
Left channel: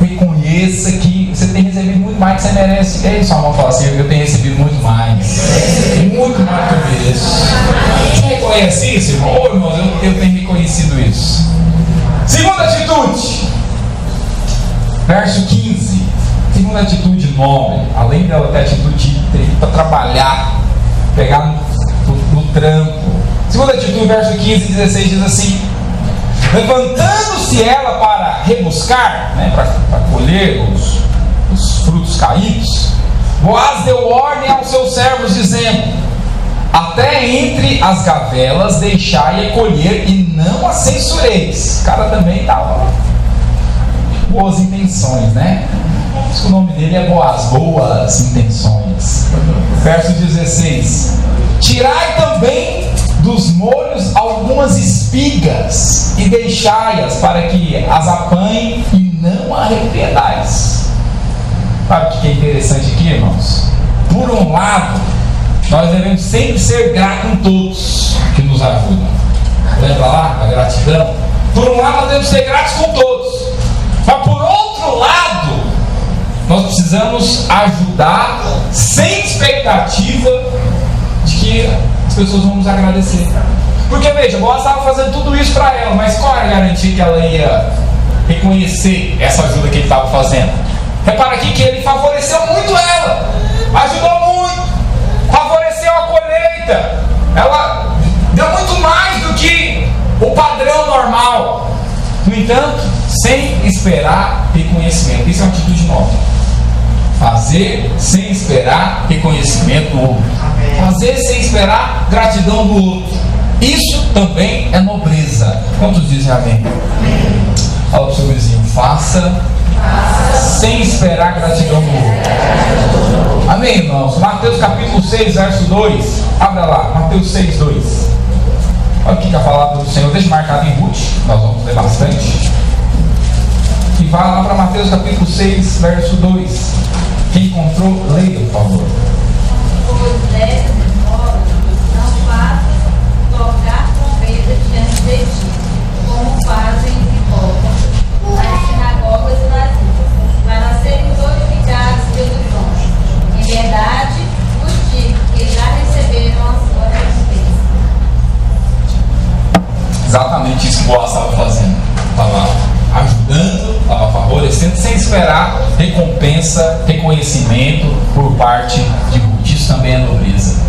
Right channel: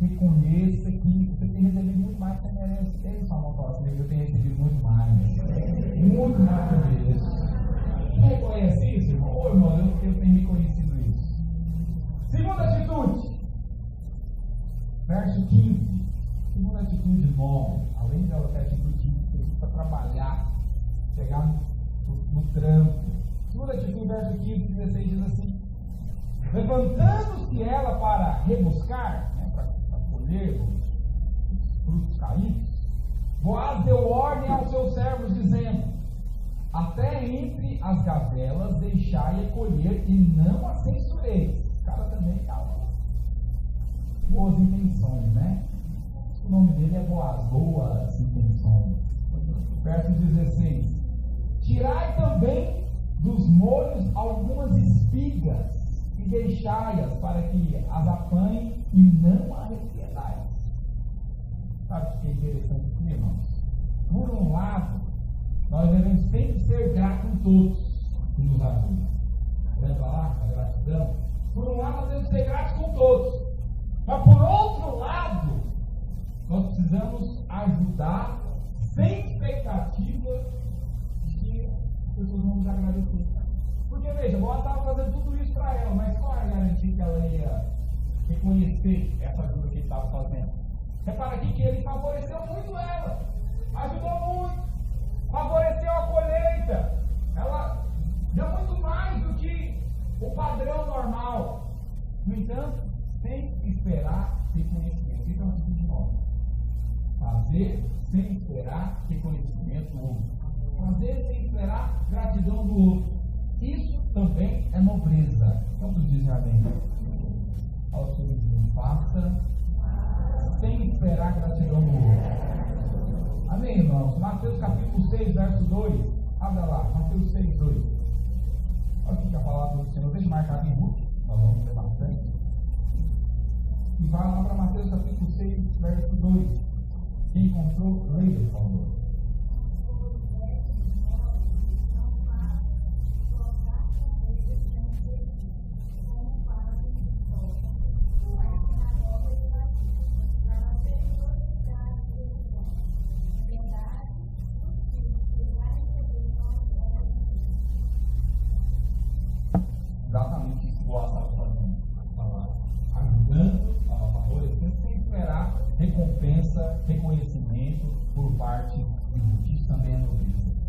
Reconheça que você tem recebido muito mais que você merece. É isso, a mão fala assim: eu tenho recebido muito mais. Muito mais que eu mereço. Você reconhece isso, irmão? Ô, irmãos, eu tenho reconhecido isso. Segunda atitude. Verso 15. Segunda atitude nobre. Além dela ter atitude de ir para trabalhar, pegar no trampo. Segunda atitude, verso 15 e 16 diz assim: levantando-se ela para rebuscar, né, para colher os frutos caídos, Boaz deu ordem aos seus servos, dizendo: até entre as gavelas deixai-a colher e não a censureis. O cara também estava boas intenções, né? Por isso que o nome dele é Boaz, boas intenções. Verso 16: tirai também dos molhos algumas espigas e deixai-as para que as apanhem e não a repreendais. Sabe o que é interessante aqui, irmãos? Por um lado, nós devemos sempre ser gratos com todos que nos ajudam. Lembra lá a gratidão? Por um lado, nós temos que ser gratos com todos, mas por outro lado, nós precisamos ajudar sem expectativa de que as pessoas vão nos agradecer. Porque veja, Boaz estava fazendo tudo isso para ela, mas qual era a garantia que ela ia reconhecer essa ajuda que ele estava fazendo? Repara aqui que ele favoreceu muito ela, ajudou muito, favoreceu a colheita, ela deu muito mais do que o padrão normal. No entanto, sem esperar reconhecimento. Isso é uma atitude nova. Fazer sem esperar reconhecimento do outro. Fazer sem esperar gratidão do outro. Isso também é nobreza. Quantos dizem amém? Fala para o seu vizinho: faça sem esperar gratidão do outro. Amém, irmãos? Mateus capítulo 6, verso 2. Abra lá, Mateus 6, 2. Olha o que a palavra do Senhor deixa marcado em Ruth. Nós vamos ler bastante. E vai lá para Mateus capítulo 6, verso 2. Quem encontrou, leia, por favor. Pois dessa modo, não faças tocar trombeta diante de ti, como fazem os hipócritas nas sinagogas e nas ruas, para serem glorificados pelos homens. Em verdade, vos digo que já receberam a sua recompensa. Exatamente isso que Boaz estava fazendo. Estava ajudando, estava favorecendo, sem esperar recompensa, reconhecimento por parte de Ruth. Isso também é nobreza.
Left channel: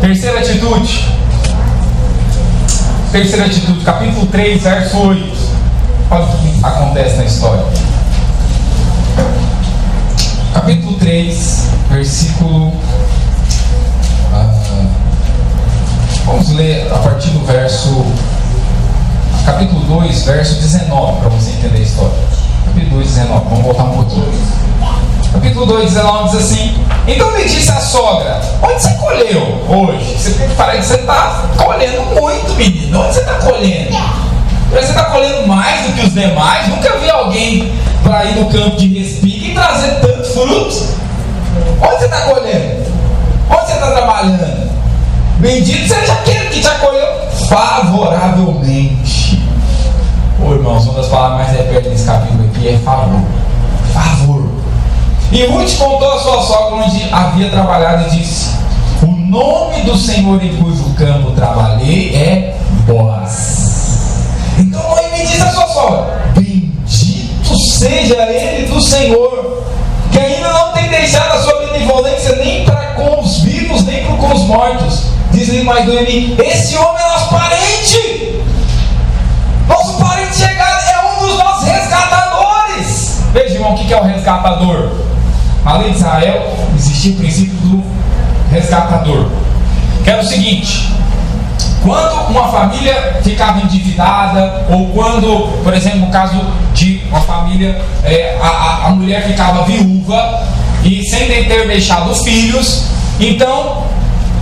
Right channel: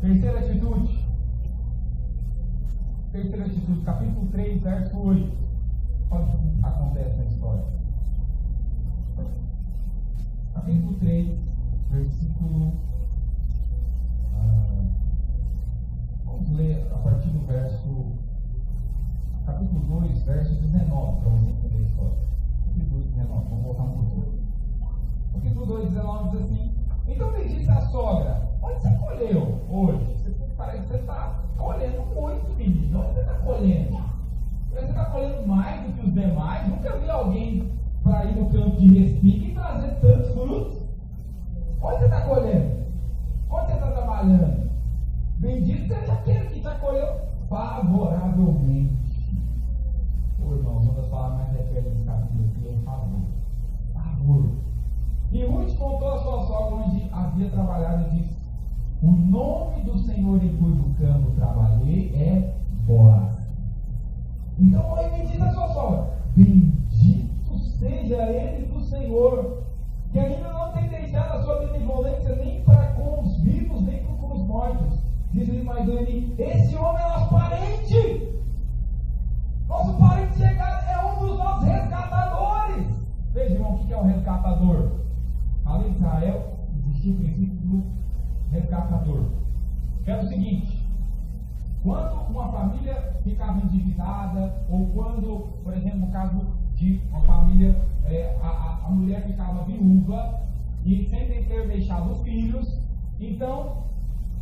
Terceira atitude, capítulo 3, verso 8. Olha o que acontece na história. Capítulo 3, versículo... vamos ler a partir do verso... Capítulo 2, verso 19, para você entender a história. Capítulo 2, 19, vamos voltar um pouquinho. Capítulo 2, 19 diz assim: então lhe disse a sogra: onde você colheu hoje? Você parece que você está colhendo muito, menino. Onde você está colhendo? Você está colhendo mais do que os demais? Nunca vi alguém para ir no campo de respique e trazer tantos frutos. Onde você está colhendo? Onde você está trabalhando? Bendito seja aquele que te acolheu favoravelmente. Ô irmãos, uma das palavras mais repetidas nesse capítulo aqui é favor. Favor. E Ruth contou a sua sogra onde havia trabalhado e disse: o nome do Senhor em cujo campo trabalhei é Boaz. Então Noemi disse a sua sogra: bendito seja ele do Senhor, que ainda não tem deixado a sua benevolência nem para com os vivos, nem para com os mortos. Diz-lhe mais Noemi: esse homem é nosso parente. Nosso parente chegado é um dos nossos resgatadores. Veja, irmão, o que é o resgatador? Na lei de Israel existia o princípio do resgatador, que era o seguinte: quando uma família ficava endividada, ou quando, por exemplo, no caso de uma família, a mulher ficava viúva e sem ter deixado filhos, então,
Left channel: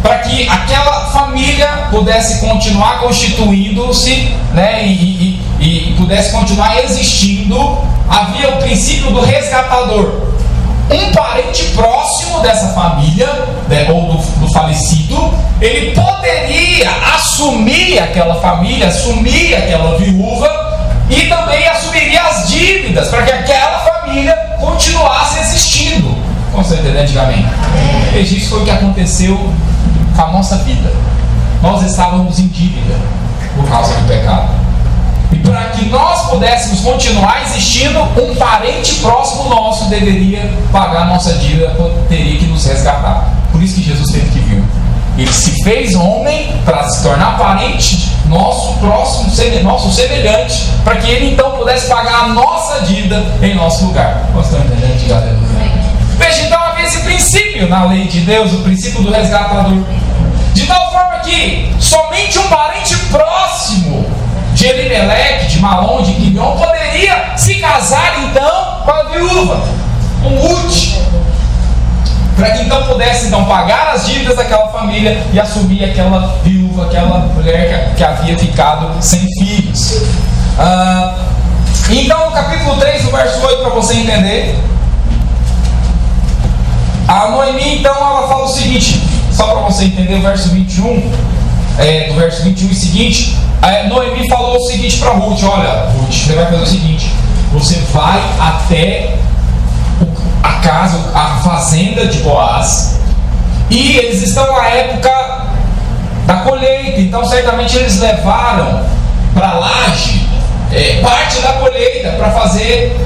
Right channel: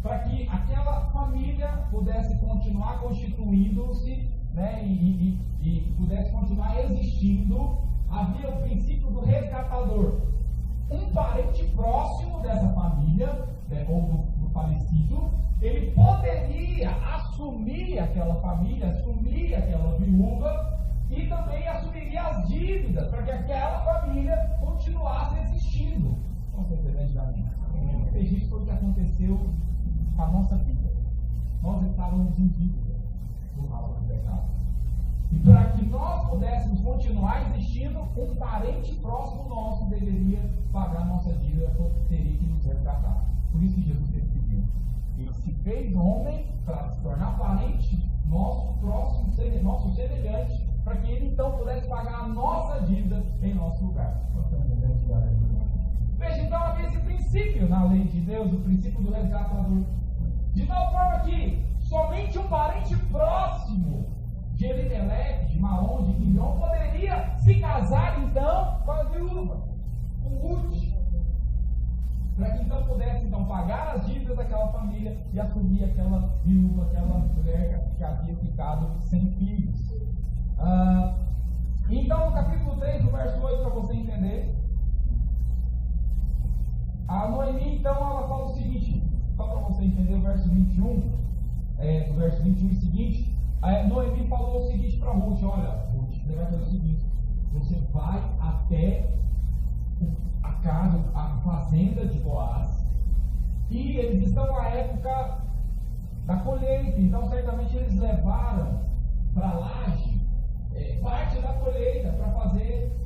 para que aquela família pudesse continuar constituindo-se, né, e pudesse continuar existindo, havia o princípio do resgatador. Um parente próximo dessa família, né, ou do falecido, ele poderia assumir aquela família, assumir aquela viúva e também assumiria as dívidas para que aquela família continuasse existindo. Como você entendeu antigamente? Veja, isso foi o que aconteceu com a nossa vida. Nós estávamos em dívida por causa do pecado. E para que nós pudéssemos continuar existindo, um parente próximo nosso deveria pagar a nossa dívida, teria que nos resgatar. Por isso que Jesus teve que vir. Ele se fez homem para se tornar parente nosso próximo, nosso semelhante, para que ele então pudesse pagar a nossa dívida em nosso lugar. Vocês estão entendendo, galera? Veja, então havia esse princípio na lei de Deus, o princípio do resgatador. De tal forma que somente um parente próximo de Elimeleque, de Malom, de Quibion, poderia se casar então com a viúva, com Ruth, para que então pudesse então pagar as dívidas daquela família e assumir aquela viúva, aquela mulher que havia ficado sem filhos. Então no capítulo 3, no verso 8, para você entender, a Noemi então ela fala o seguinte, só para você entender o verso 21, do verso 21 e seguinte, Noemi falou o seguinte para Ruth: olha, Ruth, você vai fazer o seguinte, você vai até a casa, a fazenda de Boaz, e eles estão na época da colheita, então certamente eles levaram para a laje parte da colheita para fazer,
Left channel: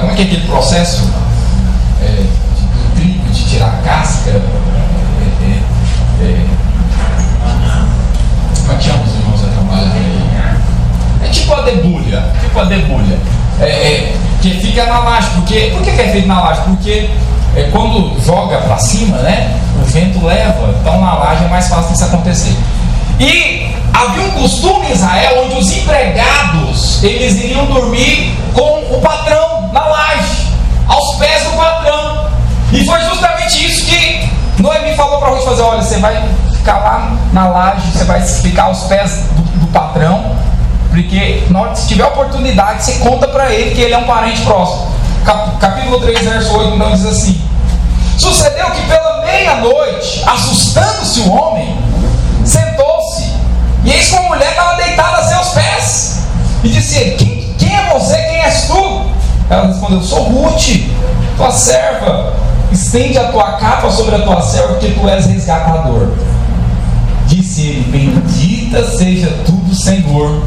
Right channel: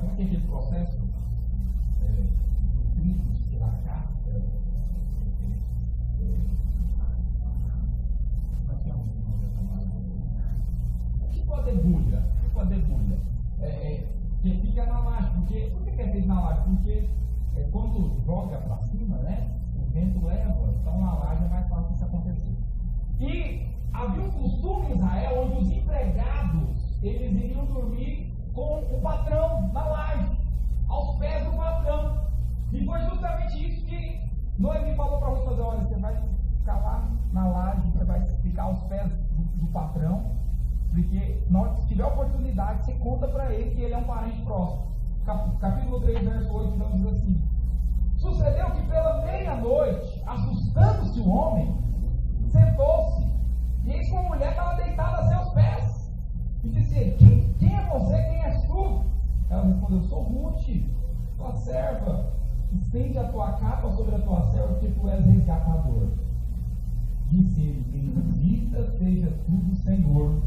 como é que é aquele processo do trigo, de tirar a casca, como é que chama os irmãos a trabalhar aí? É tipo a debulha, que fica na laje. Por que é feito na laje? Porque quando joga para cima, né, o vento leva, então na laje é mais fácil isso acontecer. E havia um costume em Israel onde os empregados, eles iriam dormir com o patrão na laje, aos pés do patrão. E foi justamente isso que Noemi falou para Ruth fazer: olha, você vai ficar lá na laje, você vai ficar aos pés do patrão, porque na hora que se tiver oportunidade, você conta para ele que ele é um parente próximo. Capítulo 3, verso 8, então diz assim: sucedeu que pela meia-noite, assustando-se o homem, sentou-se, e eis que uma mulher estava deitada a seus pés, e disse: quem é você? Quem és tu? Ela respondeu: sou Ruth, tua serva. Estende a tua capa sobre a tua serva, porque tu és resgatador. Disse ele: bendita seja tu do Senhor,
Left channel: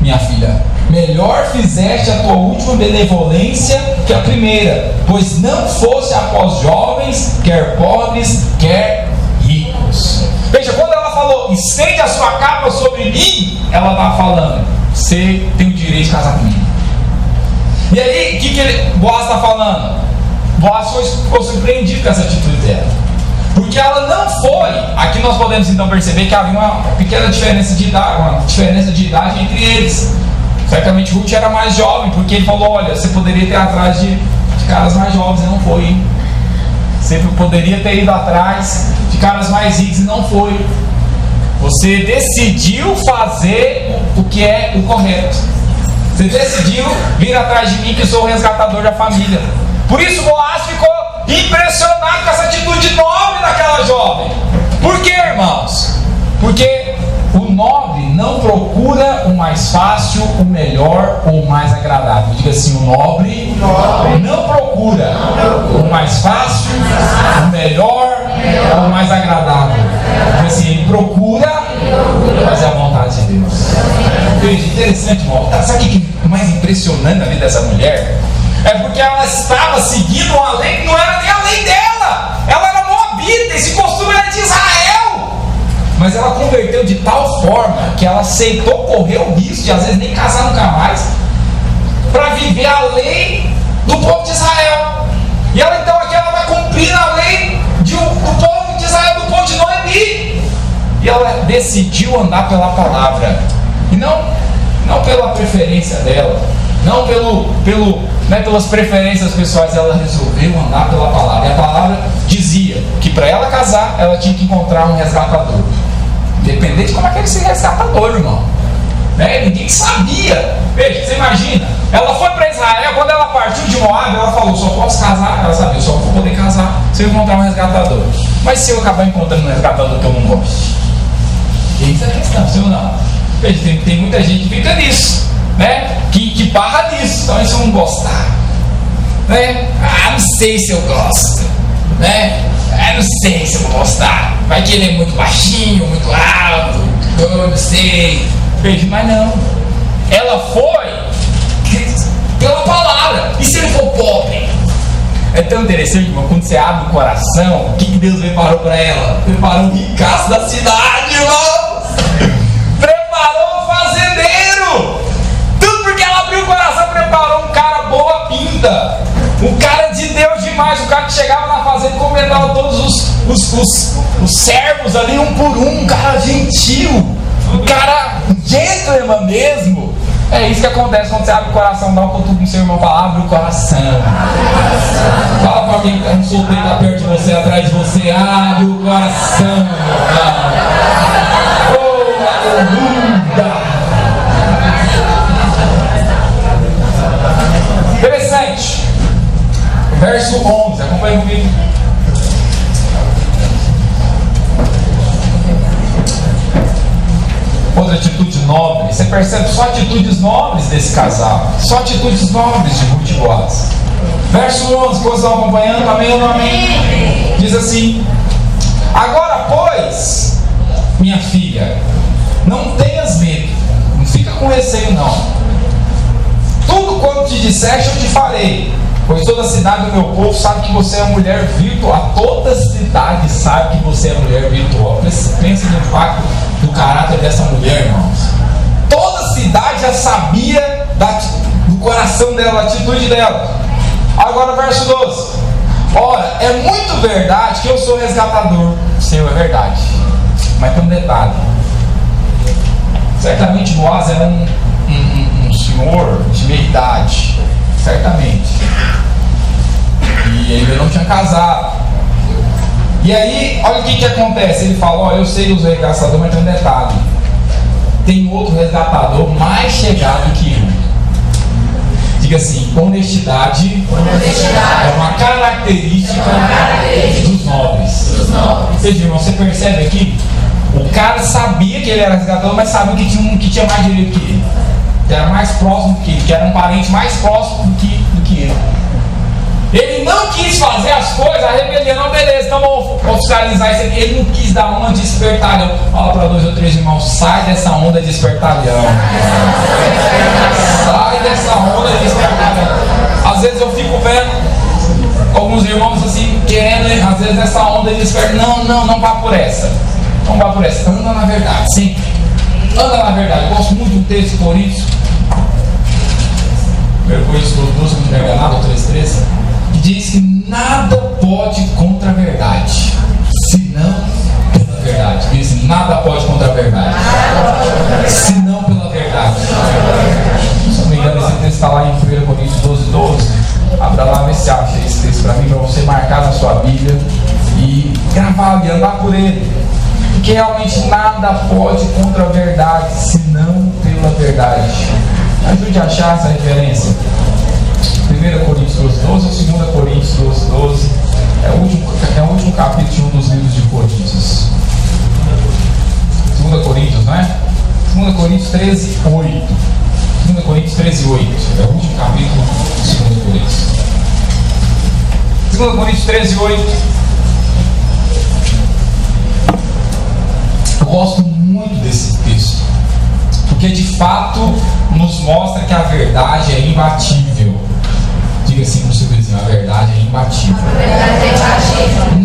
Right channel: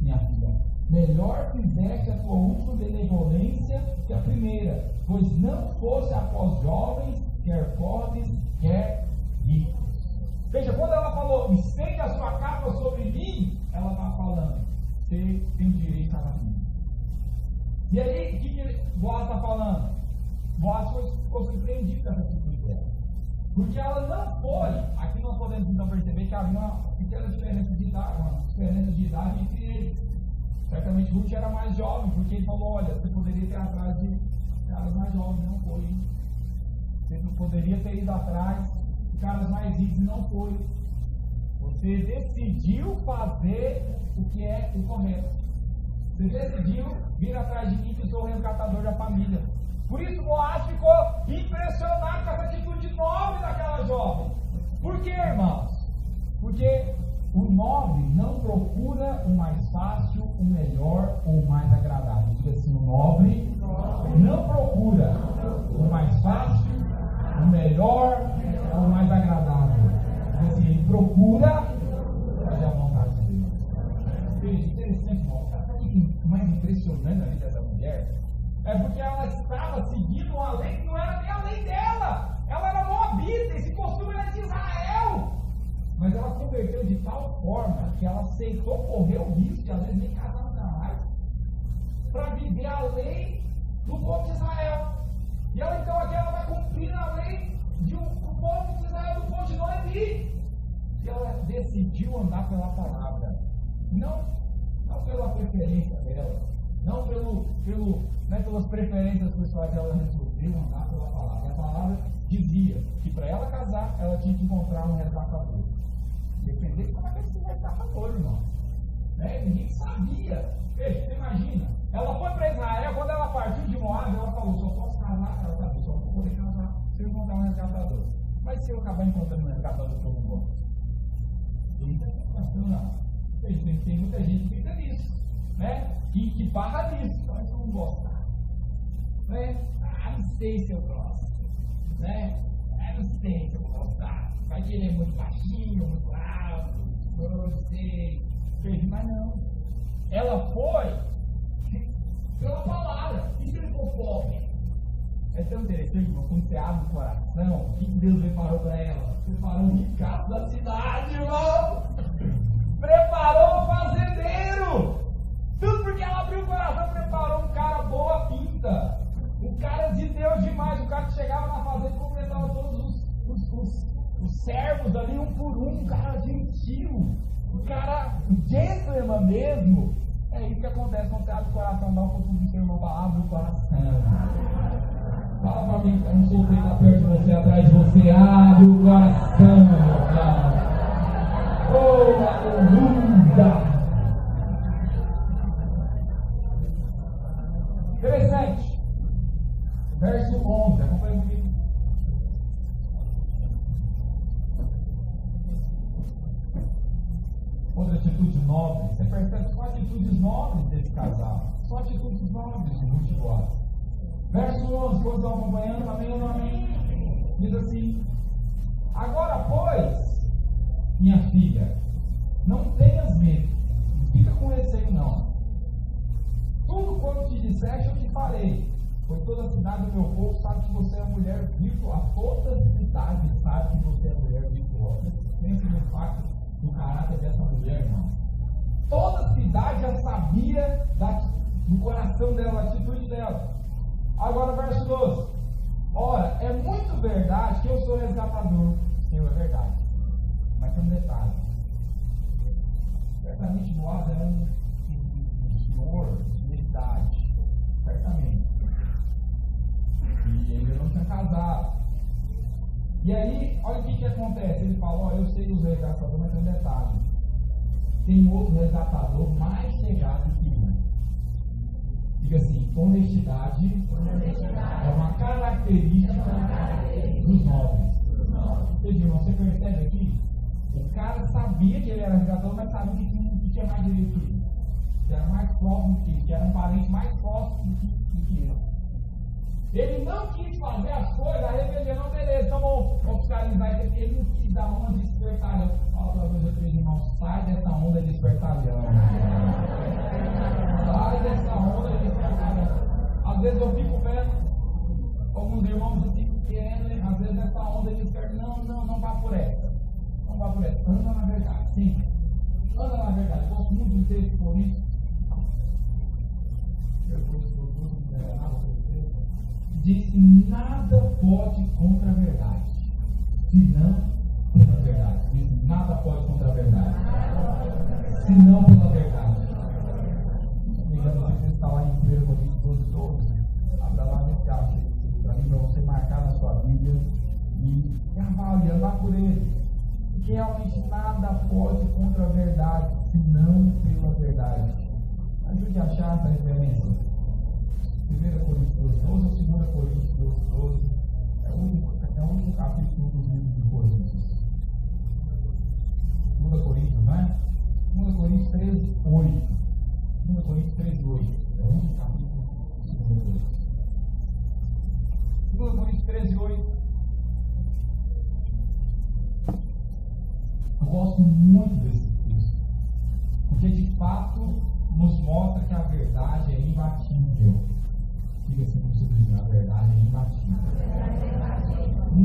minha filha. Melhor fizeste a tua última benevolência que a primeira, pois não fosse após jovens, quer pobres, quer ricos. Veja, quando ela falou: estende a sua capa sobre mim, ela estava falando: você tem o direito de casar comigo. E aí, o que Boaz está falando? Boaz ficou surpreendido com essa atitude dela, porque ela não foi. Aqui nós podemos então perceber que havia uma pequena diferença de idade, entre eles. Certamente Ruth era mais jovem, porque ele falou: olha, você poderia ter ido atrás de caras mais jovens, e não foi, hein? Você poderia ter ido atrás de caras mais ricos, e não foi. Você decidiu fazer o que é o correto. Você decidiu vir atrás de mim, que sou o resgatador da família. Por isso Boaz ficou impressionado com essa atitude nobre daquela jovem. Por quê, irmãos? Porque o nobre não procura o mais fácil, o melhor ou o mais agradável. Diga assim: o nobre não procura o mais fácil, o melhor ou o mais agradável. Diga assim: ele procura fazer a vontade de Deus. Veja, interessante, irmão. Sabe o que é mais impressionante na vida dessa mulher? É porque ela estava seguindo uma lei que não era nem a lei dela. Ela era moabita, esse costume era de Israel. Mas ela converteu de tal forma que ela aceitou correr o risco de às vezes nem casar nunca mais, para viver a lei do povo de Israel. E ela então aqui ela vai cumprir a lei do povo de Israel, do povo de Noemi. E ela decidiu andar pela palavra, e não pela preferência dela, não pelas preferências pessoais. Ela resolveu andar pela palavra. E a palavra dizia que para ela casar, ela tinha que encontrar um resgatador. Independente de como é que era esse resgatador, irmão. Ninguém sabia. Veja, você imagina, ela foi para Israel, quando ela partiu de Moab, ela falou: só posso casar. Ela sabia: só vou poder casar se eu encontrar um resgatador. Mas se eu acabar encontrando um resgatador que eu não goste? Eis a questão, sim ou não? Veja, tem muita gente que fica nisso, que barra nisso. Então, se eu não gostar, não sei se eu gosto, não sei se eu vou gostar. Vai que ele é muito baixinho, muito alto, eu não sei. Veja, mas não. Ela foi pela palavra. E se ele for pobre? É tão interessante, irmão, quando você abre o coração, o que Deus preparou para ela? Preparou um ricaço da cidade, irmãos. Preparou um fazendeiro. Tudo porque ela abriu o coração. Preparou um cara boa pinta, um cara de Deus demais, um cara que chegava na fazenda e comentava todos os servos ali um por um cara gentil, um cara gentleman mesmo. É isso que acontece quando você abre o coração. Dá um cutuco no seu irmão, fala: abre o coração. Fala para alguém que está um solteiro tá perto de você, atrás de você: abre o coração. Oh, aleluia. Interessante. Verso 11, acompanha comigo. Outra atitude nobre, você percebe só atitudes nobres desse casal, só atitudes nobres de Ruth e Boaz. Verso 11, vocês estão acompanhando? Amém ou não amém? Diz assim: agora, pois, minha filha, não tenhas medo, não fica com receio não. Tudo quanto te disseste eu te farei, pois toda a cidade do meu povo sabe que você é mulher virtuosa. Toda a cidade sabe que você é mulher virtuosa. Pensa no impacto do caráter dessa mulher, irmãos. Toda a cidade já sabia do coração dela, da atitude dela. Agora verso 12: ora, é muito verdade que eu sou resgatador. Senhor, é verdade, mas tem um detalhe. Certamente Boaz era um senhor de meia idade, certamente, e ele não tinha casado. E aí, olha o que acontece. Ele fala: olha, eu sei os resgatadores, mas tem um detalhe. Tem outro resgatador mais chegado que eu. Diga assim: honestidade é uma característica dos nobres. Vocês viram, você percebe aqui? O cara sabia que ele era resgatador, mas sabia que tinha mais direito que ele, que era mais próximo que ele, que era um parente mais próximo do que ele. Ele não quis fazer as coisas, a rebelião, não, beleza, então vamos oficializar isso aqui. Ele não quis dar uma de espertalhão. Fala para 2 ou 3 irmãos: sai dessa onda de espertalhão. Sai dessa onda de espertalhão. Às vezes eu fico vendo alguns irmãos assim, querendo, às vezes, essa onda de espertalhão. Não vá por essa. Não vá por essa. Anda na verdade, sempre. Anda na verdade. Eu gosto muito de um texto de Coríntios. 1 Coríntios 12, se não me enganado, 3:13. Que diz que nada pode contra a verdade, senão pela verdade. Diz: nada pode contra a verdade, senão pela verdade. Se não me engano, esse texto está lá em 1 Coríntios 12:12. Abra lá, vê se acha esse texto para mim, para você marcar na sua Bíblia e gravar e andar por ele. Porque realmente nada pode contra a verdade, senão pela verdade. Ajude a achar essa referência. 1 Coríntios 12:12 ou 2 Coríntios 12:12? É o último capítulo de um dos livros de Coríntios. 2 Coríntios, não é? 2 Coríntios 13:8. 2 Coríntios 13:8. É o último capítulo de 2 Coríntios. 2 Coríntios 13:8. Eu gosto muito desse texto, porque de fato nos mostra que a verdade é imbatível. Diga assim para o seu vizinho: a verdade é imbatível.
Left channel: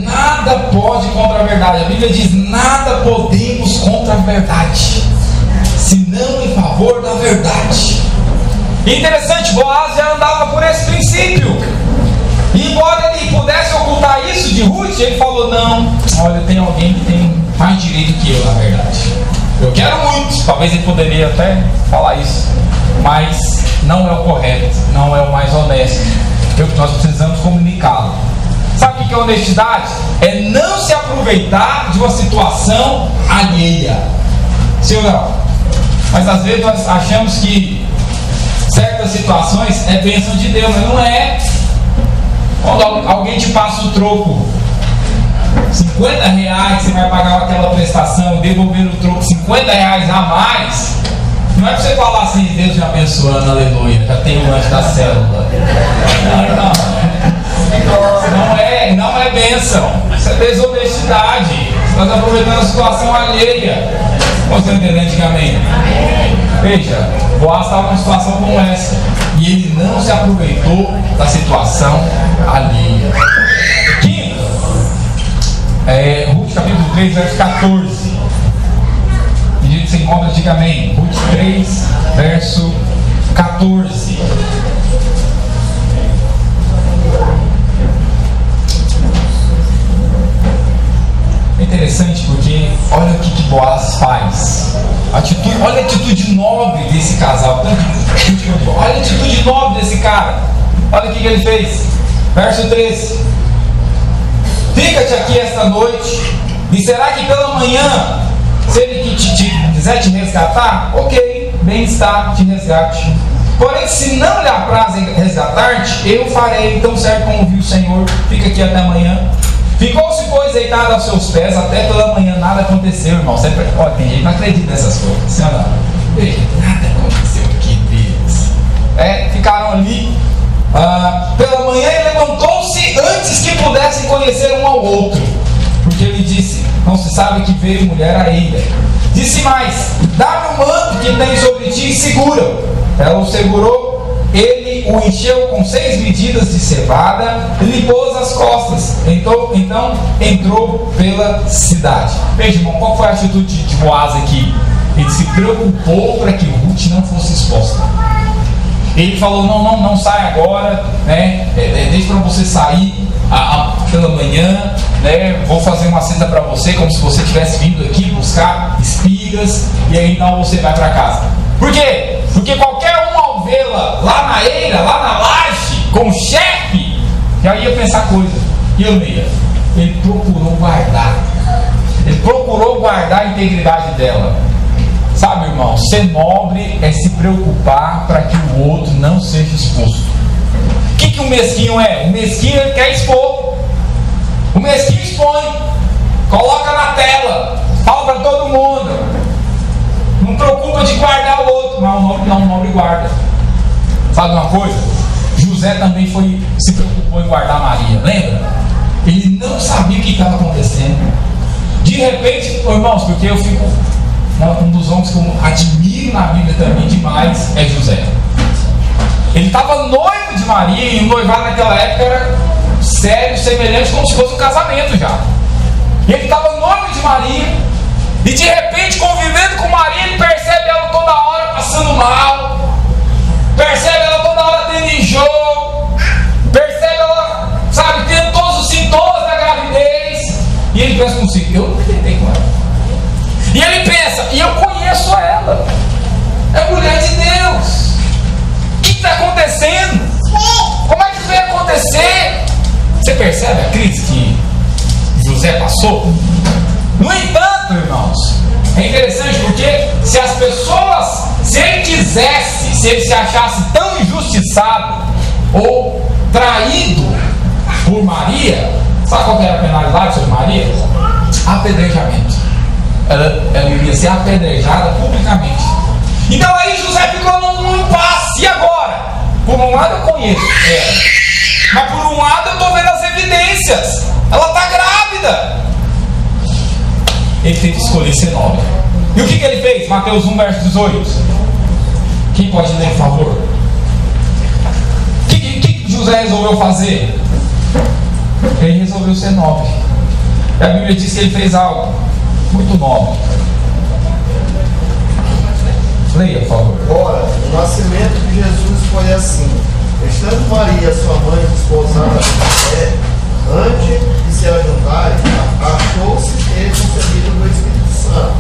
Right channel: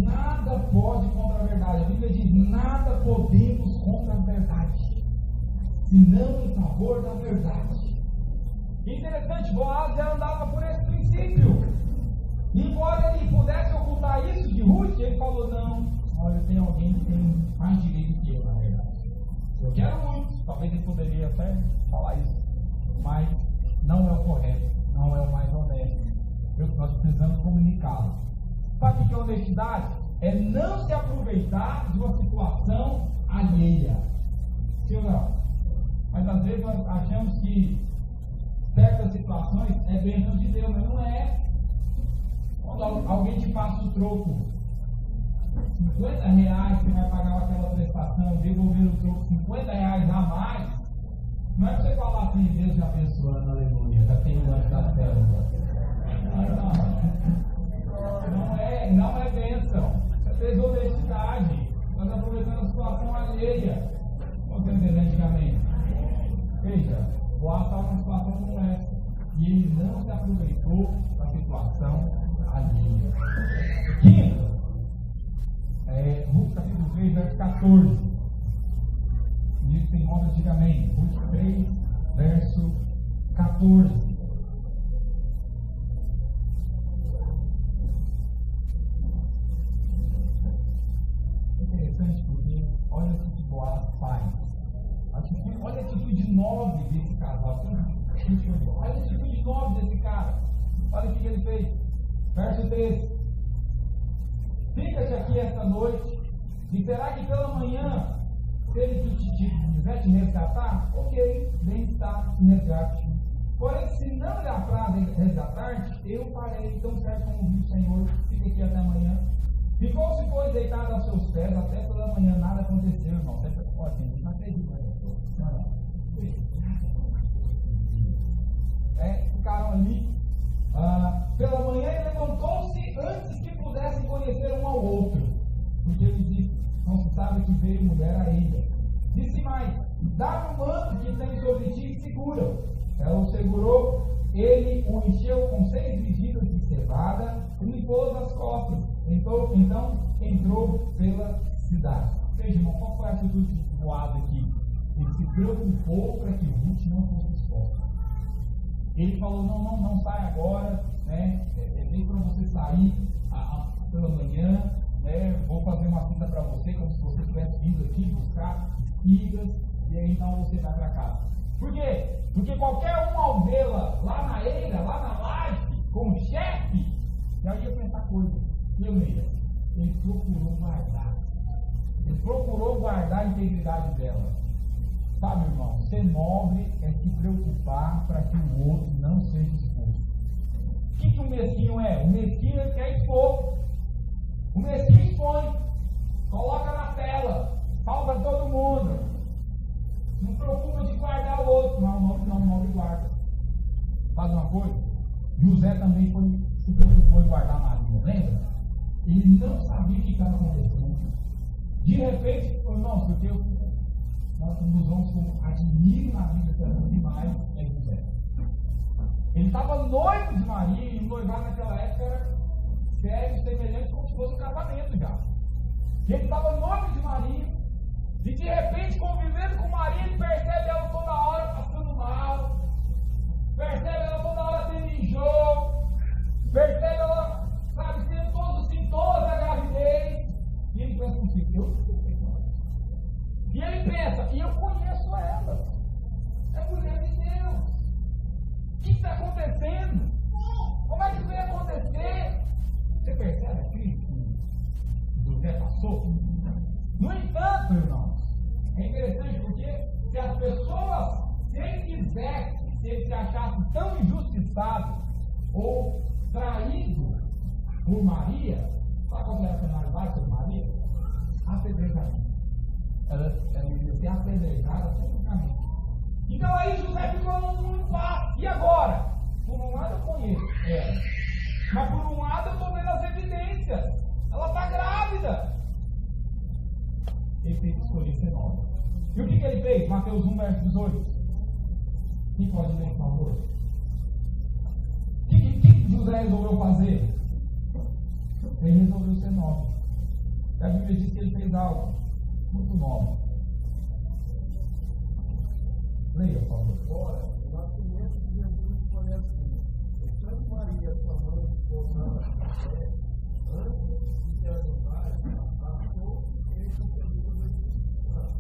Nada pode contra a verdade. A Bíblia diz: nada podemos contra a verdade, senão em favor da verdade. E interessante, Boaz já andava por esse princípio. E embora ele pudesse ocultar isso de Ruth, ele falou: não, olha, tem alguém que tem mais direito que eu, na verdade. Eu quero muito. Talvez ele poderia até falar isso, mas não é o correto, não é o mais honesto. Nós precisamos comunicá-lo. Sabe o que é honestidade? É não se aproveitar de uma situação alheia. Sim ou não? Mas às vezes nós achamos que certas situações é bênção de Deus, mas não é. Quando alguém te passa o troco, R$50, você vai pagar aquela prestação e devolver o troco R$50 a mais. Não é para você falar assim: Deus me abençoando, aleluia, já tem o lanche da célula. Não é bênção. Isso é desonestidade. Você está aproveitando a situação alheia. Você entendeu, antigamente? Veja, Boaz estava numa situação como essa, e ele não se aproveitou da situação alheia. Quinto, Ruth capítulo 3, verso 14. Pedido que você encontra, diga amém. Ruth 3, verso 14. É interessante porque olha o que Boaz faz. Olha a atitude nobre desse casal. Olha a atitude nobre desse cara. Olha o que ele fez. Verso 13: fica-te aqui esta noite, e será que pela manhã, se ele quiser te resgatar, ok, bem está, te resgate. Porém, se não lhe apraz resgatar-te, eu farei. Então serve como viu o Senhor. Fica aqui até amanhã. Ficou-se, pois, deitado aos seus pés até pela manhã. Nada aconteceu, irmão. Sempre, ó, tem gente que não acredita nessas coisas. Senhora, nada aconteceu aqui, Deus. Ficaram ali. Pela manhã ele levantou-se antes que pudessem conhecer um ao outro, porque ele disse: não se sabe que veio mulher a ele. Disse mais: dá-me o manto que tem sobre ti e segura. Ela o segurou, ele o encheu com 6 medidas de cevada e lhe pôs as costas. Então entrou pela cidade. Veja, irmão, qual foi a atitude de Boaz aqui? Ele se preocupou para que Ruth não fosse exposta. Ele falou: não sai agora, né? Deixa para você sair pela manhã, né? Vou fazer uma cesta para você, como se você tivesse vindo aqui buscar espigas, e aí então você vai para casa. Por quê? Porque qualquer um, ao vê-la lá na eira, lá na laje, com o chefe, já ia pensar coisa. E eu ia. Ele procurou guardar a integridade dela. Sabe, irmão, ser nobre é se preocupar para que o outro não seja exposto. O que o mesquinho é? O mesquinho, ele quer expor. O mesquinho expõe, coloca na tela, fala para todo mundo, não preocupa de guardar o outro. Mas o nobre guarda. Sabe uma coisa? José também se preocupou em guardar Maria, lembra? Ele não sabia o que estava acontecendo. De repente, irmãos, porque eu fico... Um dos homens que eu admiro na Bíblia também demais é José. Ele estava noivo de Maria, e o noivado naquela época era sério, semelhante, como se fosse um casamento já. E ele estava noivo de Maria, e de repente, convivendo com Maria, ele percebe ela toda hora passando mal, percebe ela toda hora tendo enjoo, percebe ela, sabe, tendo todos os sintomas da gravidez. E ele pensa consigo: eu não me tentei com ela. E ele pensa: e eu conheço ela, é mulher de Deus. O que está acontecendo? Como é que isso vai acontecer? Você percebe a crise que José passou? No entanto, irmãos, é interessante porque se ele quisesse, se ele se achasse tão injustiçado ou traído por Maria, sabe qual era a penalidade sobre Maria? Apedrejamento. Ela iria ser apedrejada publicamente. Então aí José ficou num impasse. E agora? Por um lado eu conheço ela, mas por um lado eu estou vendo as evidências. Ela está grávida. Ele teve que escolher ser nobre. E o que ele fez? Mateus 1, verso 18. Quem pode ler, por favor? O que José resolveu fazer? Ele resolveu ser nobre. E a Bíblia diz que ele fez algo muito nobre. Leia, por favor. Ora, o nascimento de Jesus foi assim: estando Maria, sua mãe, desposada com José, antes de se ajuntarem, achou-se ter concebido do Espírito Santo.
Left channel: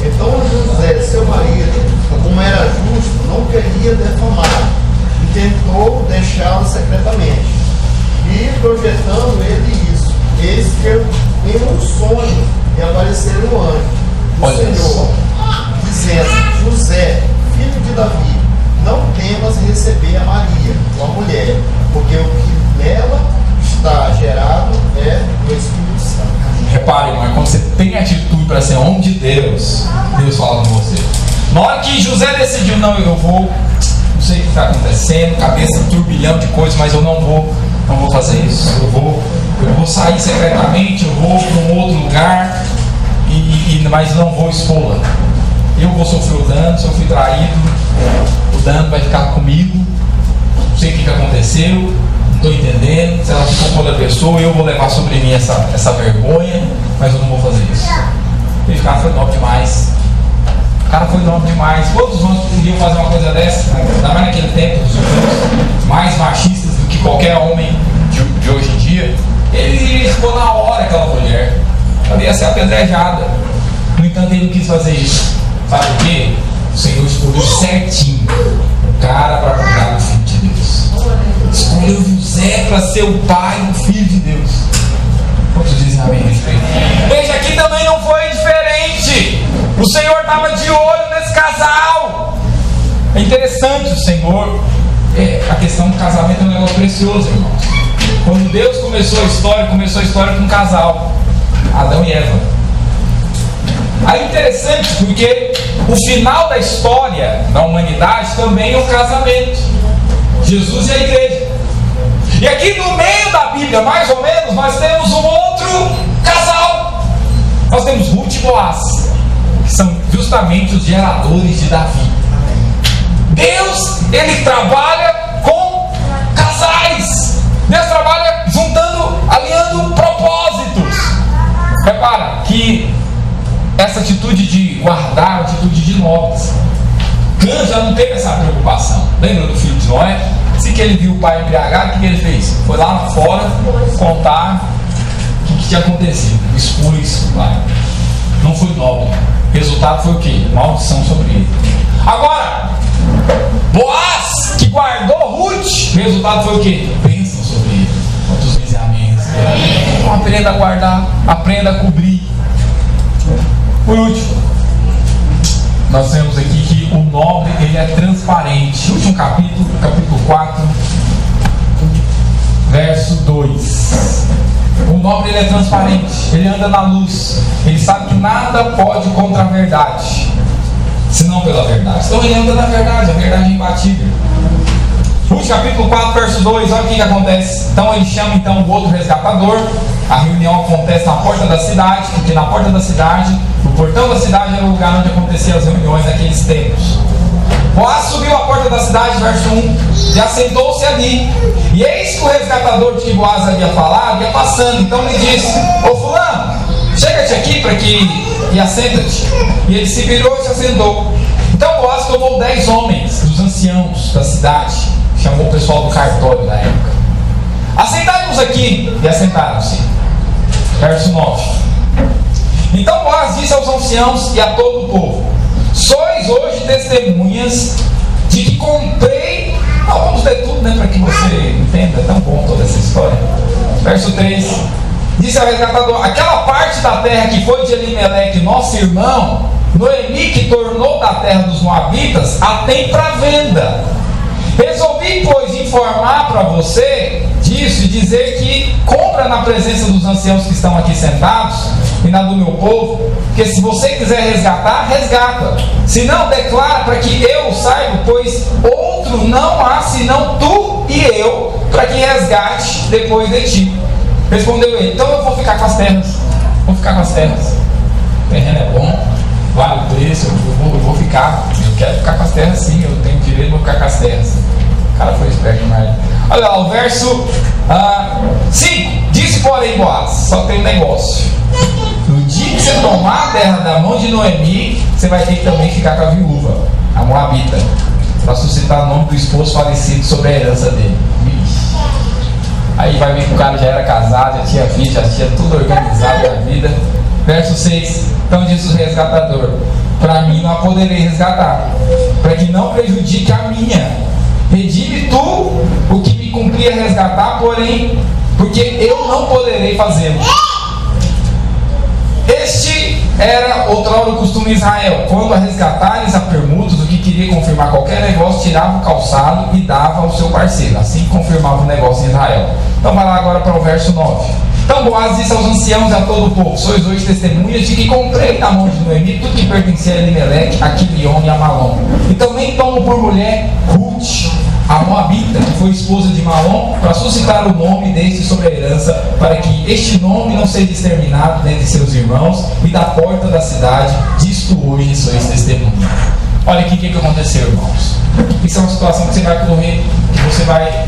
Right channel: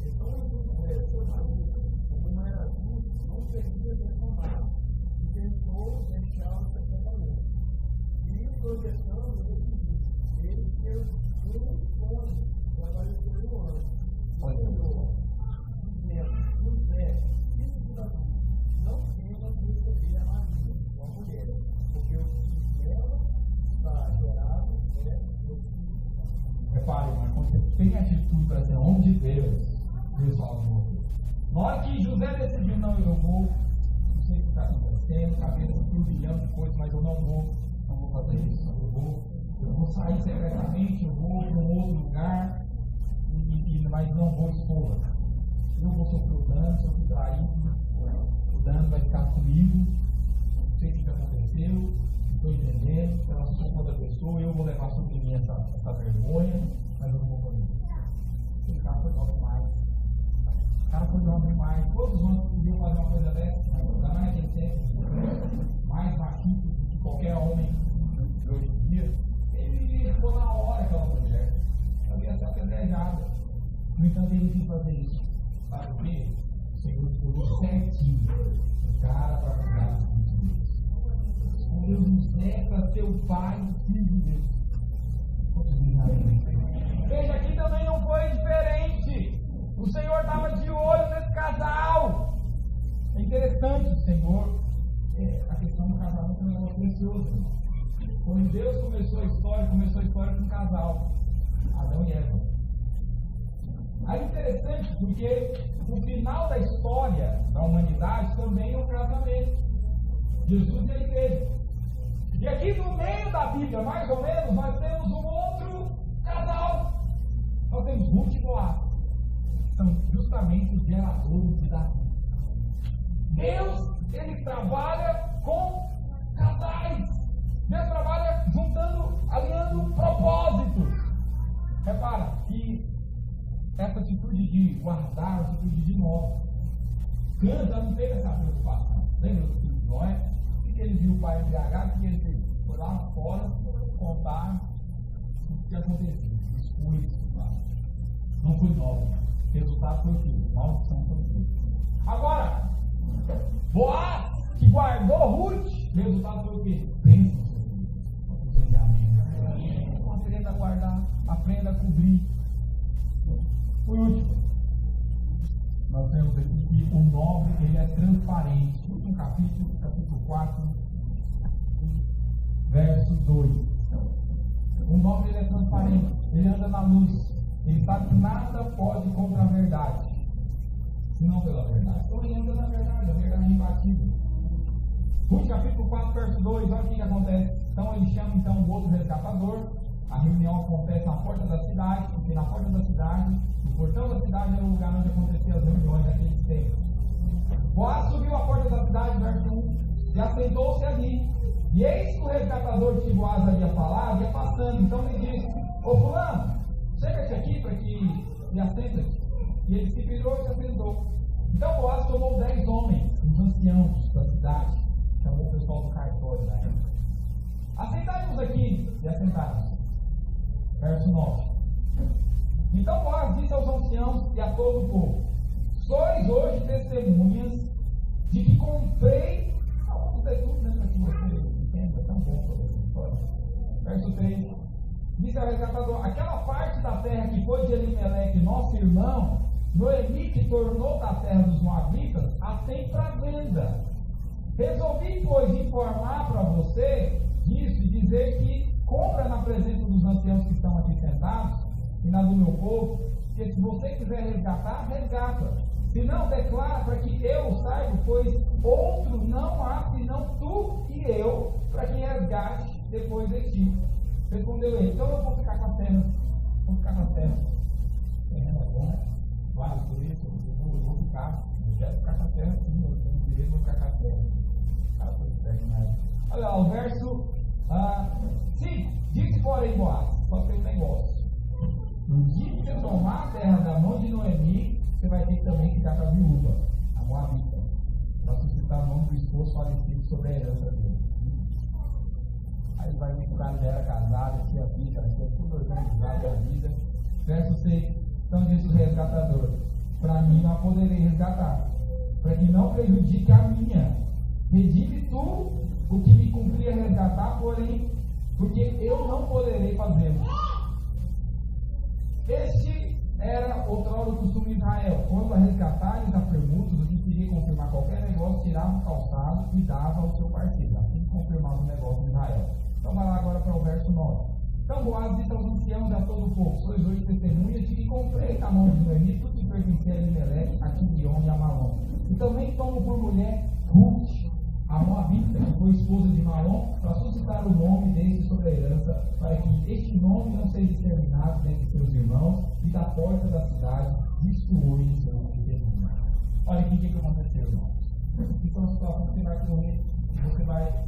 Então José, seu marido, como era justo, não queria defamar, e tentou deixá-lo secretamente. E projetando ele isso, eis que em um sonho lhe apareceu um anjo do Senhor, dizendo: José, filho de Davi, não temas receber a Maria, tua mulher, porque o que nela está gerado é do Espírito Santo. Repare, irmão, quando você tem atitude para ser homem de Deus, Deus fala com você. Na hora que José decidiu: não sei o que está acontecendo, cabeça, um turbilhão de coisas, mas eu não vou fazer isso. Eu vou sair secretamente, eu vou para um outro lugar, mas não vou expô-la. Eu vou sofrer o dano, se eu fui traído, o dano vai ficar comigo. Não sei o que aconteceu, não estou entendendo. Se ela ficou com outra pessoa, eu vou levar sobre mim essa vergonha, mas eu não vou fazer isso. Esse cara foi nobre demais. O cara foi nobre demais. Todos nós podiam fazer uma coisa dessa, ainda mais naquele tempo, dos judeus, mais machistas do que qualquer homem de hoje em dia. Ele iria expor na hora aquela mulher. Ela ia ser apedrejada. No entanto, ele não quis fazer isso. Sabe o quê? O Senhor escolheu certinho o cara para cuidar do Filho de Deus. Escolheu José para ser o pai do Filho de Deus. Quantos dizem amém a respeito? Veja, aqui também não foi diferente. O Senhor estava de olho nesse casal. É interessante o Senhor. A questão do casamento é um negócio precioso, irmãos. Quando Deus começou a história com um casal, Adão e Eva. Aí interessante, porque o final da história da humanidade também é o casamento. Jesus e a igreja. E aqui no meio da Bíblia, mais ou menos, nós temos um outro casal. Nós temos Ruth e Boaz, que são justamente os geradores de Davi. Deus, Ele trabalha com casais. Deus trabalha juntando, alinhando propósitos. Repara que essa atitude de guardar, atitude de nobres. Cã já não teve essa preocupação. Lembra do filho de Noé? Assim que ele viu o pai embriagado, o que ele fez? Foi lá fora contar o que tinha acontecido. Expôs o pai. Não foi nobre. O resultado foi o quê? Maldição sobre ele. Agora, Boaz, que guardou Ruth, o resultado foi o quê? Bênção sobre ele. Quantos vezes amém? Então aprenda a guardar, aprenda a cobrir. Por último, nós temos aqui que o nobre, ele é transparente. Último capítulo 4, verso 2. O nobre, ele é transparente, ele anda na luz, ele sabe que nada pode contra a verdade, senão pela verdade. Então ele anda na verdade, a verdade é imbatível. Último capítulo 4, verso 2, olha o que acontece. Então ele chama o outro resgatador. A reunião acontece na porta da cidade, porque na porta da cidade, o portão da cidade era o lugar onde aconteciam as reuniões naqueles tempos. Boaz subiu à porta da cidade, verso 1, e assentou-se ali. E eis que o resgatador de que Boaz havia falado ia passando. Então ele disse: ô fulano, chega-te aqui e assenta-te. E ele se virou e se assentou. Então Boaz tomou 10 homens, dos anciãos da cidade, chamou o pessoal do cartório da época. Assentai-vos aqui, e assentaram-se. Verso 9. Então Boaz disse aos anciãos e a todo o povo: sois hoje testemunhas de que comprei. Não, vamos ler tudo, para que você entenda. É tão bom toda essa história. Verso 3. Disse ao resgatador: aquela parte da terra que foi de Elimeleque, nosso irmão, Noemi, que tornou da terra dos Moabitas, a tem para venda. Resolvi, pois, informar para você disso e dizer que compra na presença dos anciãos que estão aqui sentados e na do meu povo, porque se você quiser resgatar, resgata. Se não, declara para que eu saiba, pois outro não há senão tu e eu, para que resgate depois de ti. Respondeu ele: então eu vou ficar com as terras. Vou ficar com as terras. O terreno é bom, vale o preço, eu vou ficar. Eu quero ficar com as terras, sim, eu tenho direito, vou ficar com as terras. O cara foi esperto demais. Olha lá, o verso 5. Disse, porém, Boaz: só tem um negócio. No dia que você tomar a terra da mão de Noemi, você vai ter que também ficar com a viúva, a Moabita, para suscitar o nome do esposo falecido sobre a herança dele. Aí vai ver que o cara já era casado, já tinha filho, já tinha tudo organizado na vida. Verso 6. Então disse o resgatador: para mim não a poderei resgatar, para que não prejudique a minha. Redime tu o que me cumpria resgatar, porém, porque eu não poderei fazê-lo. Este era outrora o costume em Israel: quando a resgatares a permutas, o que queria confirmar qualquer negócio, tirava o calçado e dava ao seu parceiro. Assim confirmava o negócio em Israel. Então vai lá agora para o verso 9. Então Boaz disse aos anciãos e a todo o povo: sois hoje testemunhas de que comprei da mão de Noemi tudo que pertencia a Elimeleque, a Quilion e a Malom. E também tomo por mulher Ruth, a Moabita, que foi esposa de Malom, para suscitar o nome deste sobre a herança, para que este nome não seja exterminado dentre seus irmãos, e da porta da cidade, disto hoje sois testemunhas. Olha aqui o que aconteceu, irmãos. Isso é uma situação que você vai correr, que você vai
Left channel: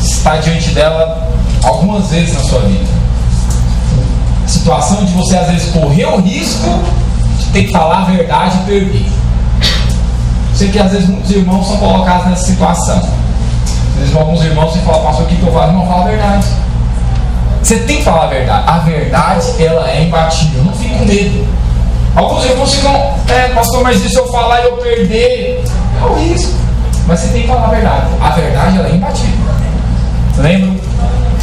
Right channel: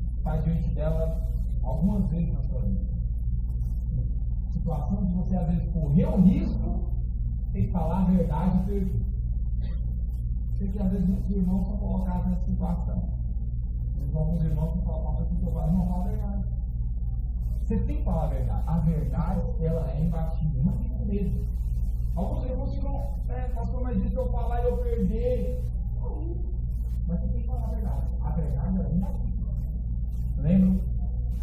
estar diante dela algumas vezes na sua vida. Situação de você às vezes correr o risco de ter que falar a verdade e perder. Sei que às vezes muitos irmãos são colocados nessa situação. Às vezes alguns irmãos têm que falar: pastor, o que eu falo? Não, fala a verdade. Você tem que falar a verdade. A verdade, ela é imbatível. Não fique com medo. Alguns irmãos ficam: pastor, mas e se eu falar e eu perder? É o risco. Mas você tem que falar a verdade. A verdade, ela é imbatível. Lembro?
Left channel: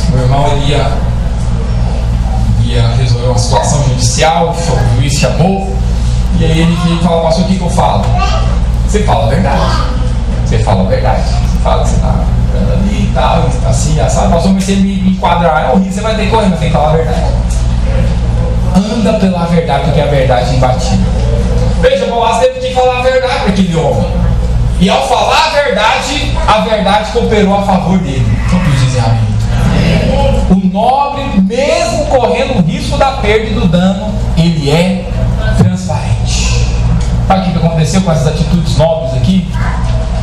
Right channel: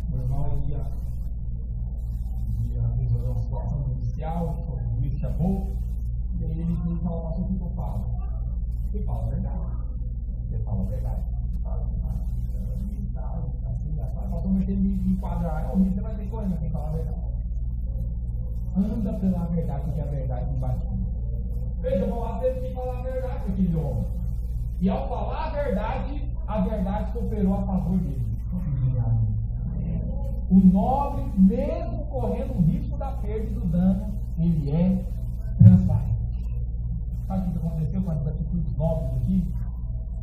Meu irmão, ele ia resolver uma situação judicial, o juiz chamou, e aí ele veio e falou: pastor, o que eu falo? Você fala a verdade. Você fala a verdade. Você fala que você está ela ali e tal, e assim, sabe? Pastor, mas você me enquadrar, é horrível, você vai ter que correr, mas tem que falar a verdade. Anda pela verdade, porque a verdade é imbatível. Veja, Boaz teve que falar a verdade para aquele homem. E ao falar a verdade cooperou a favor dele. Todos dizem amém. O nobre, mesmo correndo o risco da perda e do dano, ele é transparente. Sabe o que aconteceu com essas atitudes nobres aqui?